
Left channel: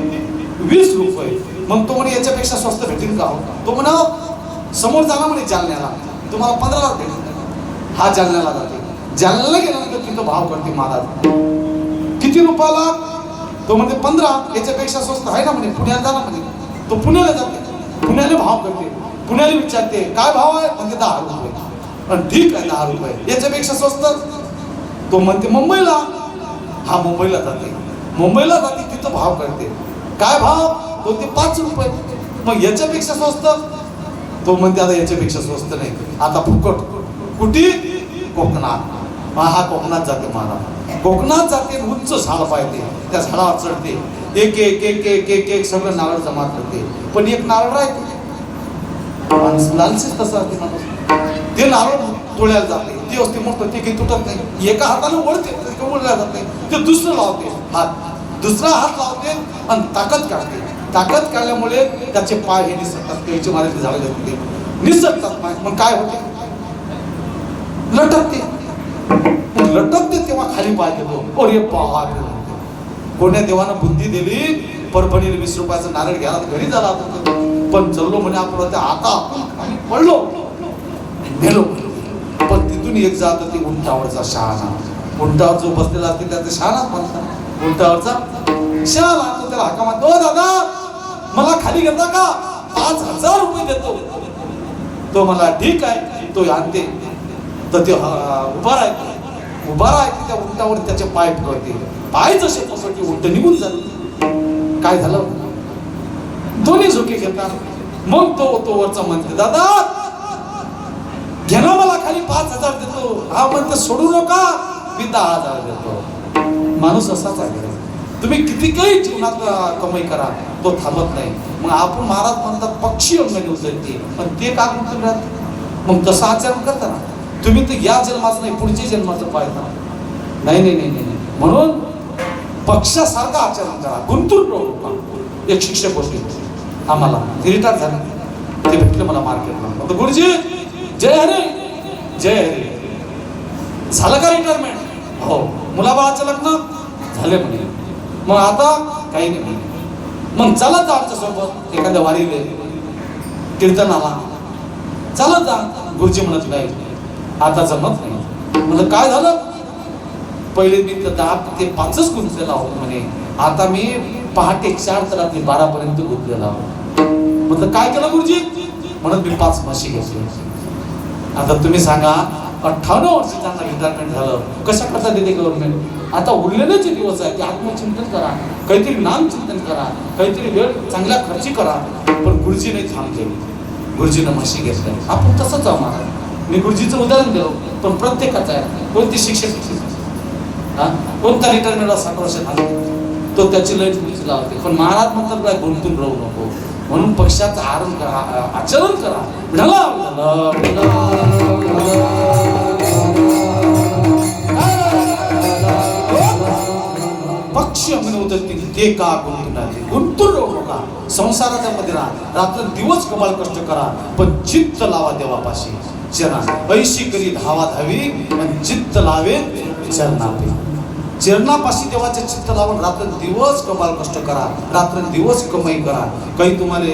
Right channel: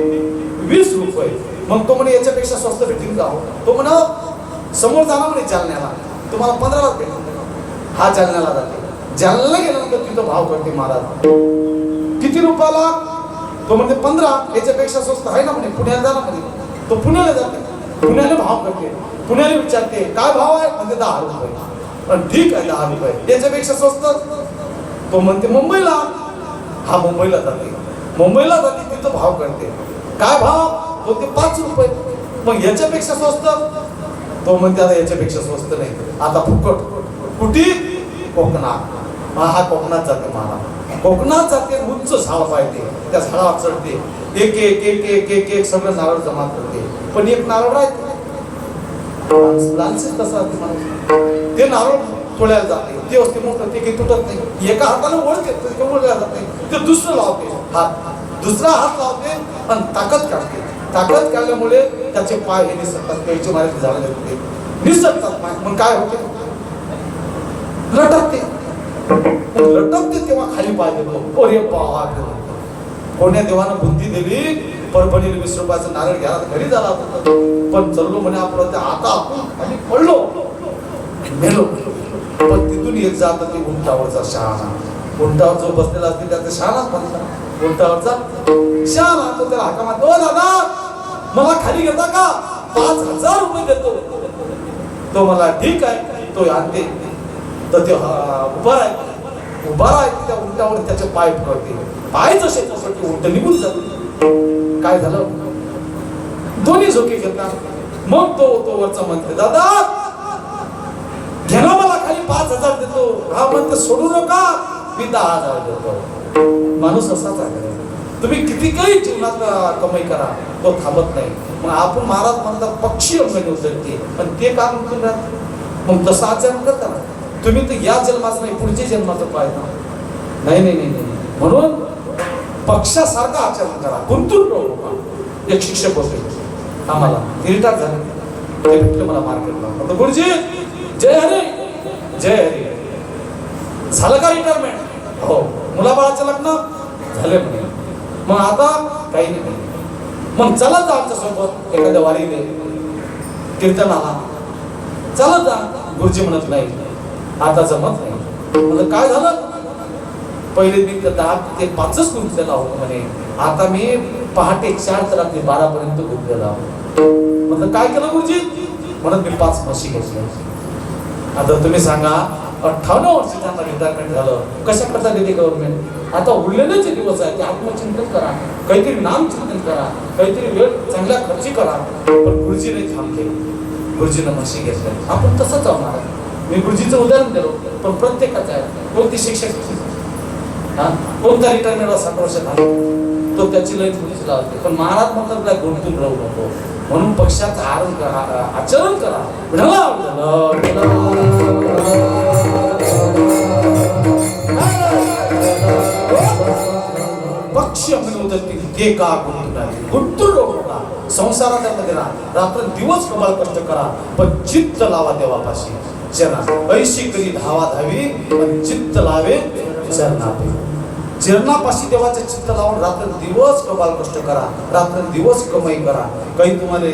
20 रुपये. मग तो म्हणे याच्यापेक्षा स्वस्त भेटतील का? तो म्हणा समोर जाणार म्हणे जालन्याला, तुम्हाला 15 भेटेल. हा जालन्याला जाते. जालन्याला गेल्यानंतर तिथं भाव करते महाराज. किती रुपयाला? तो म्हणते 15. याच्यापेक्षा स्वस्त आहे ना म्हणे, पुण्याला जा ना म्हणे. तो पुण्याला जाते, पुण्याला भाव करते. पुण्याला विचारते काय भाव आहे? म्हणते 10 रुपये. ठीक आहे 10 रुपये, याच्यापेक्षा स्वस्त? तो म्हणते मुंबईला. हा मुंबईला जाते, मुंबईला जाते तिथं भाव करते. काय भाव? तो ते 5 रुपये. मग याच्यापेक्षा स्वस्त? तो म्हणते आता याच्यापेक्षा स्वस्त नाही, आता फुकट. कुठे? कोकणात. हा कोकणात जाते महाराज. कोकणात जाते, उंच झाड पाहिजे, त्या झाडावर चढते, एक एक एक एक एक एक सगळं नारळ जमा करते. पण एक नारळ राहते लालसेच तसं माणूस. ते नारळ तोडायला जाते, ते असते मोठं, ते काही तुटत नाही. एका हाताने वळते, ओढल्या जाते, ते दुसरं लावते हात, दुसरा हात लावते आणि ताकद काढते. ताकद काढल्यामुळे त्याचे पाय हे निसटतात, त्याचे मारे झाडं लागते निसटतात. मग काय होते? लटकते. लटकते तेव्हा खाली पाय देतो. अरे बाप, कोण्या देवानं बुद्धी दिली. परभणीला 20 रुपयाचं नारळ घ्यायला घरी झाला होता, पण चललो म्हणे आपण आता आणि पडलो मेलो. पण तिथून एक जात ते उंटावरचा शहाणा. उंटावर जो बसलेला असते त्याचा शहाणाच म्हणतात. उंटावरचा शहाणा. तो त्याला हाका मारतो, ओ दादा मला खाली घेता का? 5000 रुपये देतो. तो मला ठीक आहे. तो आणते तर ते उभा राहते त्या उंटावर, त्याचे पाय पडते. पाय जसे तसं ते उंट निघून जाते. काय झालं? दोन्ही झोके घेतात. मग तो वरचा म्हणते दादा घे ना, मला खाली 5000 देतो. हा म्हणतो सोडू नका, मी 10,000 देतो. माणूस असाच आहे. तुम्ही किती काही जीवनात कमाई करा, तो थांबत नाही. मग आपण महाराज म्हणतात पक्षी अंगणी उतरते, पण ते का म्हणून राहत? मग तसं आचरण करता ना तुम्ही. तर या जन्माचं नाही, पुढच्या जन्माचं पाहिजे. नाही नाही नाही नाही. म्हणून पक्षासारखं आचरण करा, गुंतून राहू. एक शिक्षक होते आम्हाला, रिटायर झाले. ते भेटले मला मार्केटला. गुरुजी जय हरी जय हरी. झालं का रिटायरमेंट? हो. मुलाबाळाचं लग्न झाले म्हणे. मग आता काही नाही. मग चालत जा आमच्यासोबत एखाद्या वारीले कीर्तनाला चालत जा. गुरुजी म्हणत नाही आता जमत नाही. म्हणजे काय झालं? पहिले मी 10 ते 5च गुंतलेला होतो म्हणे, आता मी पहाटे 4 ते रात्री 12 पर्यंत गुंतलेला होतो. म्हटलं काय केलं गुरुजी? म्हणून मी 5 म्हशी घेतल्या. आता तुम्ही सांगा 58 वर्ष त्यांना रिटायरमेंट झालं, कशा करता देते गव्हर्नमेंट? आता उरलेले जे दिवस आहेत ते आत्मचिंतन करा, काहीतरी नामचिंतन करा, काहीतरी वेळ चांगल्या खर्ची करा. पण गुरुजीने थांबले, गुरुजीनं म्हशी घेतल्या. आपण तसंच आहोत. मी गुरुजीचं उदाहरण दिलं, पण प्रत्येकाचं आहे. कोणती शिक्षक कोणता रिटायरमेंट 60 वर्ष झाला तो त्याची लय तुमची लावते. पण महाराज म्हणतात काय गुंतून राहू नको, म्हणून पक्षाचं आचरण करा. पक्ष म्हणून ते का गुंतून राहू नका, संसाराच्या मध्ये राहा, रात्र दिवस कमाल कष्ट करा, पण चित्त लावा देवापाशी. चरणा ऐशी करी धावा धावी, पण चित्त लावे चरणापी. चरणापाशी देवाचे चित्त लावून रात्र दिवस कमाल कष्ट करा, रात्र दिवस कमाई करा. काही तुम्हाला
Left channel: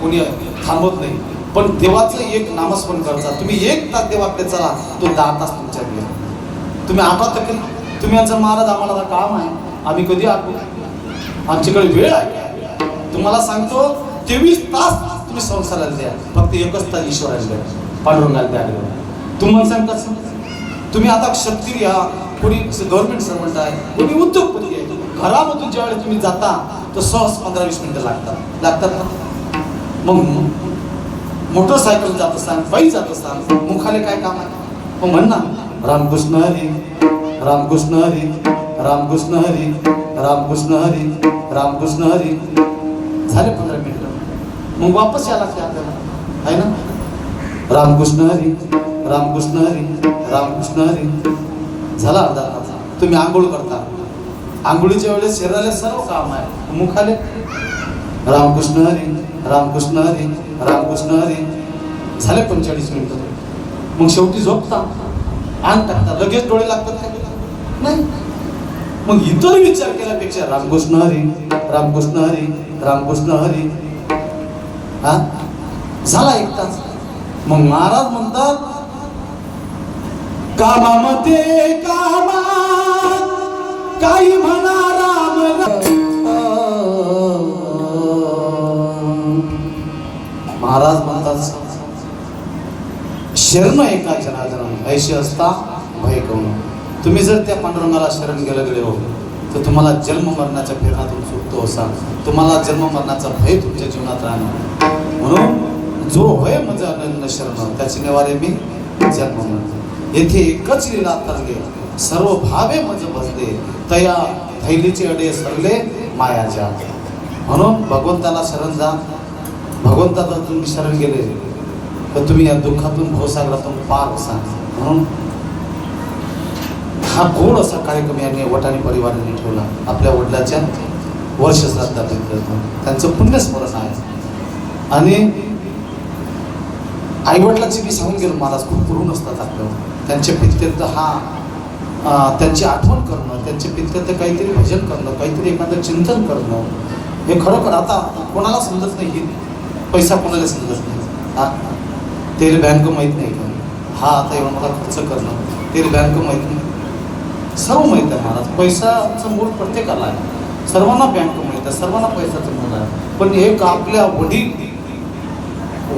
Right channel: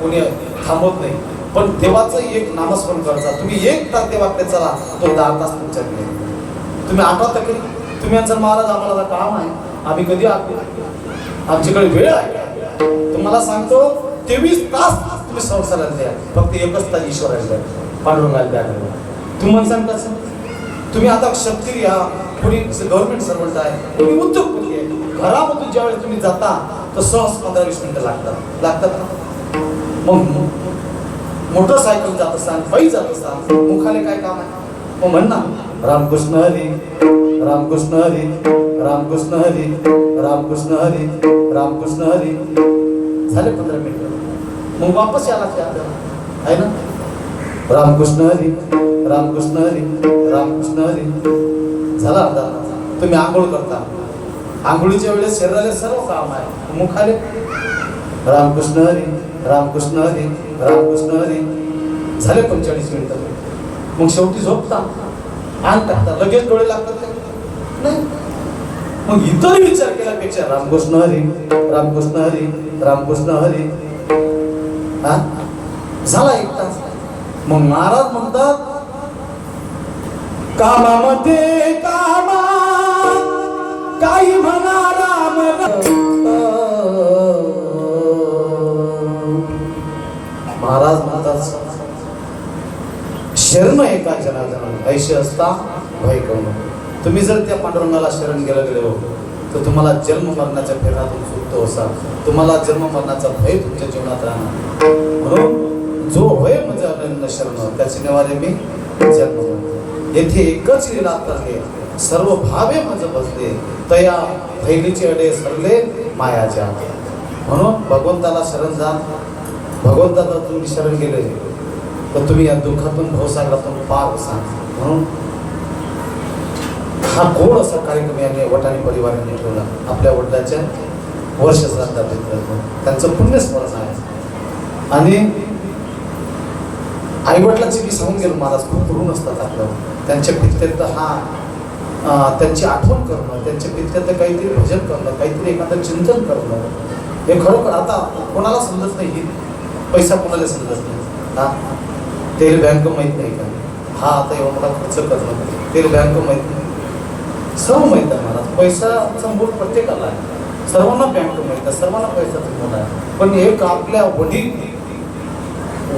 कोणी थांबवत नाही, पण देवाचं एक नामस्मरण करता. तुम्ही 1 तास देवाकडे चला, तो 10 तास तुमच्याकडे. तुम्ही आठवता की तुम्ही यांचं महाराज आम्हाला काम आहे, आम्ही कधी आठवू, आमच्याकडे वेळ आहे. तुम्हाला सांगतो 23 तास तुम्ही संसाराला द्या, फक्त 1च तास ईश्वराला द्या, पांडुरंगाला द्या. तुम्हाला सांगता तुम्ही आता क्षत्रिय, कोणी गव्हर्नमेंट सर्वंट आहे, कोणी उद्योगपती आहे, घरामधून ज्यावेळेस तुम्ही जाता तर सहज 15-20 मिनिटं लागतात ना. मग मोटरसायकल जात असताना, पायी जात असताना मुखाने काय काम आहे? मग म्हण ना, रामकृष्ण हरी, रामकृष्ण हरी, रामकृष्ण हरी, रामकृष्ण हरी, रामकृष्ण हरी. झाले 15 मिनिटं, मग वापस यायला लागते आपल्याला, आहे ना. रामकृष्ण हरी, रामकृष्ण हरी, रामकृष्ण हरी. झाला अर्धा तास. तुम्ही आंघोळ करता, आंघोळीच्या वेळेस शरीराला सर्व काम आहे, मुखाले रामकृष्ण हरी, रामकृष्ण हरी, रामकृष्ण हरी. झाले 45 मिनिटं. मग शेवटी झोपता, अंग टाकता, लगेच डोळे लागतात नाही. मग इतर विचार केल्यापेक्षा रामकृष्ण हरी, रामकृष्ण हरी, रामकृष्ण हरी. झाला 1 तास. मग महाराज म्हणतात कामामध्ये कामा काही म्हणा राम. महाराज म्हणतात शरण एका जनार्दन ऐशी असता भय करू. तुम्ही जर त्या पांडुरंगाला शरण गेलो तर तुम्हाला जन्म मरणाच्या फेरातून सुटतो असाल, तुम्हाला जन्म मरणाचा भय तुमच्या जीवनात राहणार. म्हणून जो होय मज शरण त्याची निवारे मी जन्म. येथे एकच लीला करले, सर्व भावे मज बसले, तया थैलीचे अडे सरले मायाच्या. म्हणून भगवंताला शरण जा. भगवंताला तुम्ही शरण गेले तर तुम्ही या दुःखातून भवसागरातून पार असाल. म्हणून हा गोड असा कार्यक्रम याने वटाणी परिवाराने ठेवला. आपल्या वडिलांच्या वर्ष श्राद्धात त्यांचं पुण्यस्मरण आहे. आणि आईवडिलांचे मी सांगून गेलो महाराज खूप ऋण असतात आपल्याला. त्यांच्या पित्यंत त्यांची आठवण करणं, त्यांच्या पित्यंत काहीतरी भजन करणं, काहीतरी एखादं चिंतन करणं, हे खरोखर आता कोणाला समजत नाही. पैसा कोणाला समजत नाही. तेरी बँक माहीत नाही का? आता एवढा मोठा खर्च करणं, तेरी बँक माहीत नाही, सर्व माहीत आहे महाराज. पैसाचं मूळ प्रत्येकाला आहे, सर्वांना बँक माहीत आहे, सर्वांना पैसाचं मूळ आहे. पण एक आपल्या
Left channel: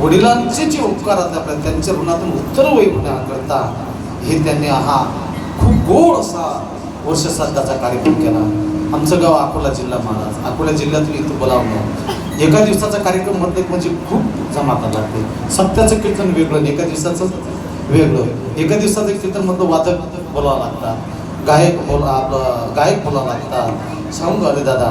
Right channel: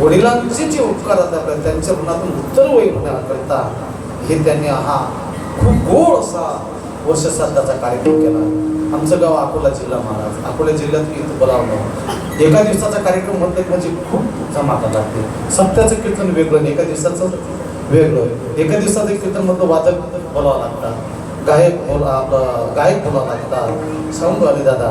वडिलांचे जे उपकार आहेत त्यांच्या ऋणातून उत्तर करता हे त्यांनी हा खूप गोड असा वर्ष श्राद्धाचा कार्यक्रम केला. आमचं गाव अकोला जिल्हा महाराज, अकोला जिल्ह्यातून इथं बोलावलं. एका दिवसाचा कार्यक्रम म्हटलं म्हणजे खूप जमात लागते. सप्त्याचं कीर्तन वेगळं, एका दिवसाचं वेगळं. एका दिवसाचं कीर्तन मधलं वादक बोलावं लागतात, गायक बोलावं लागतात, सांगू आले दादा,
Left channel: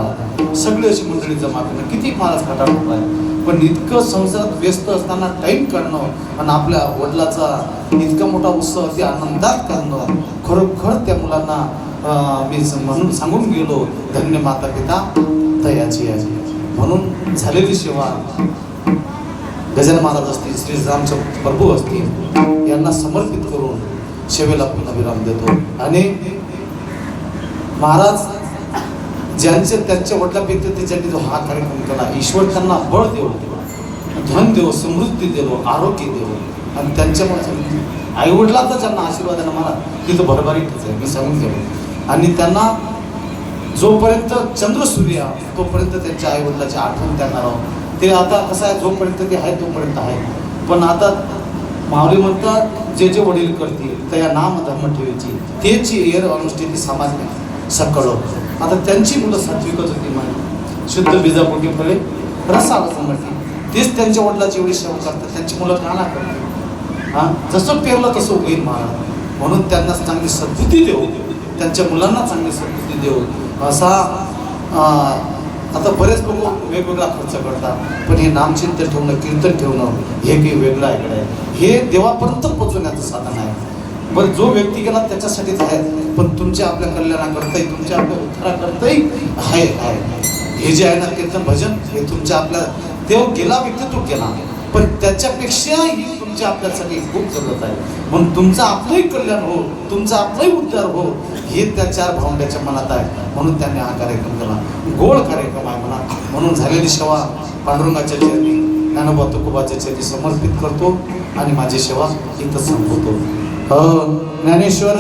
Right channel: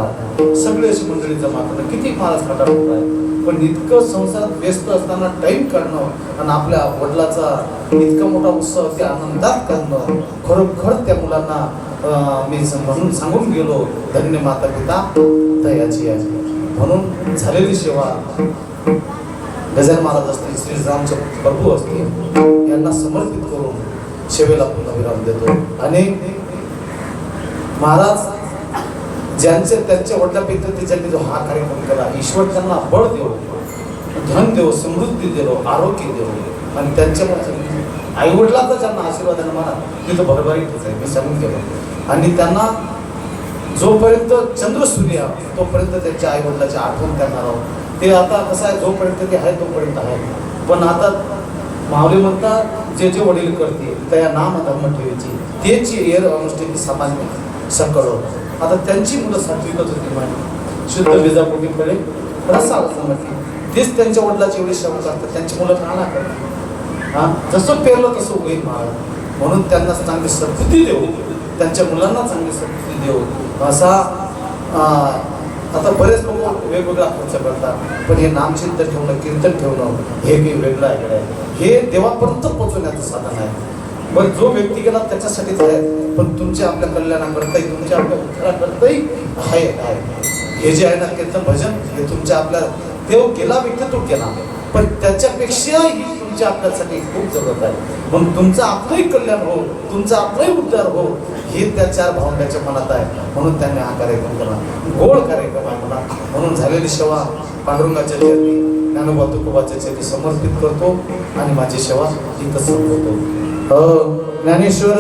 सगळी अशी मंडळी जमा करणं किती महाराज फटाफट आहे. पण इतकं संसारात व्यस्त असताना टाइम काढणं आणि आपल्या वडिलाचा इतका मोठा उत्सव ते आनंदात करणं, खरोखर त्या मुलांना मी म्हणून सांगून गेलो, धन्य माता पिता तयाची आहे. म्हणून झालेली सेवा गजानन महाराज असतील, श्री रामचे प्रभू असतील, यांना समर्पित करून सेवेला विराम देतो. आणि महाराज त्यांच्या वडिलांपैकी ज्यांनी जो हा कार्यक्रम केला, ईश्वर त्यांना बळ देव, धन देव, समृद्धी देव, आरोग्य देव. आणि त्यांच्या आई वडिलांचा ज्यांना आशीर्वादानं म्हणा तिथं भरभरीतच आहे, मी सांगून गेलो. आणि त्यांना जोपर्यंत चंद्र सूर्य तोपर्यंत त्यांच्या आई वडिलाची आठवण त्यांना ते आता कसं आहे, जोपर्यंत ते आहे तोपर्यंत आहे. पण आता माऊली म्हणतात जे जे वडील करतील त्या नाम धर्म ठेवायची तेची एअर अनुष्ठिती समाज सकळ. आता त्यांची मुलं सात्विकच होती माझी, शुद्ध बीजापोटी फळे रसाळ समजली. तेच त्यांच्या वडिलाची एवढी सेवा करतात, त्यांची मुलं काना करतात. हा, जसं पेरलं तसं उगेल महाराज. म्हणून त्यांना चांगली सद्बुद्धी देऊ, त्यांच्या मुलांना चांगली सद्बुद्धी देऊ. असा आता बरेच लोक वेगवेगळा खर्च करतात, पण हे नामचिंतन ठेवणं, कीर्तन ठेवणं हे काही वेगळं आहे. हे देवापर्यंत पोहोचवण्याचं साधन आहे. बरं, जो व्यक्ती गेला त्याच्यासाठीच आहे, पण तुमच्या आपल्या कल्याणाकरताही, तुमच्या आपल्या उत्तराकरताही आहे. हे जे आहे ना कीर्तन भजन, हे तुमच्या आपल्या देव गेला व्यक्ती तो गेला, पण त्याच्यापेक्षाही तुमच्या आपल्यासाठी खूप जरूरत आहे. म्हणून तुमचं आपलंही कल्याण हो, तुमचा आपलाही उद्धार हो, हे त्या चार भावंड्याच्या मनात आहे. म्हणून त्यांनी हा कार्यक्रम केला, गोड कार्यक्रम आहे म्हणा. म्हणून झालेली सेवा पांडुरंगाच्या चरणी, ज्ञानोबा तुकोबाच्या चरणी समर्पित करतो आणि माझी सेवा इथं संपवतो. ज्ञानेश्वर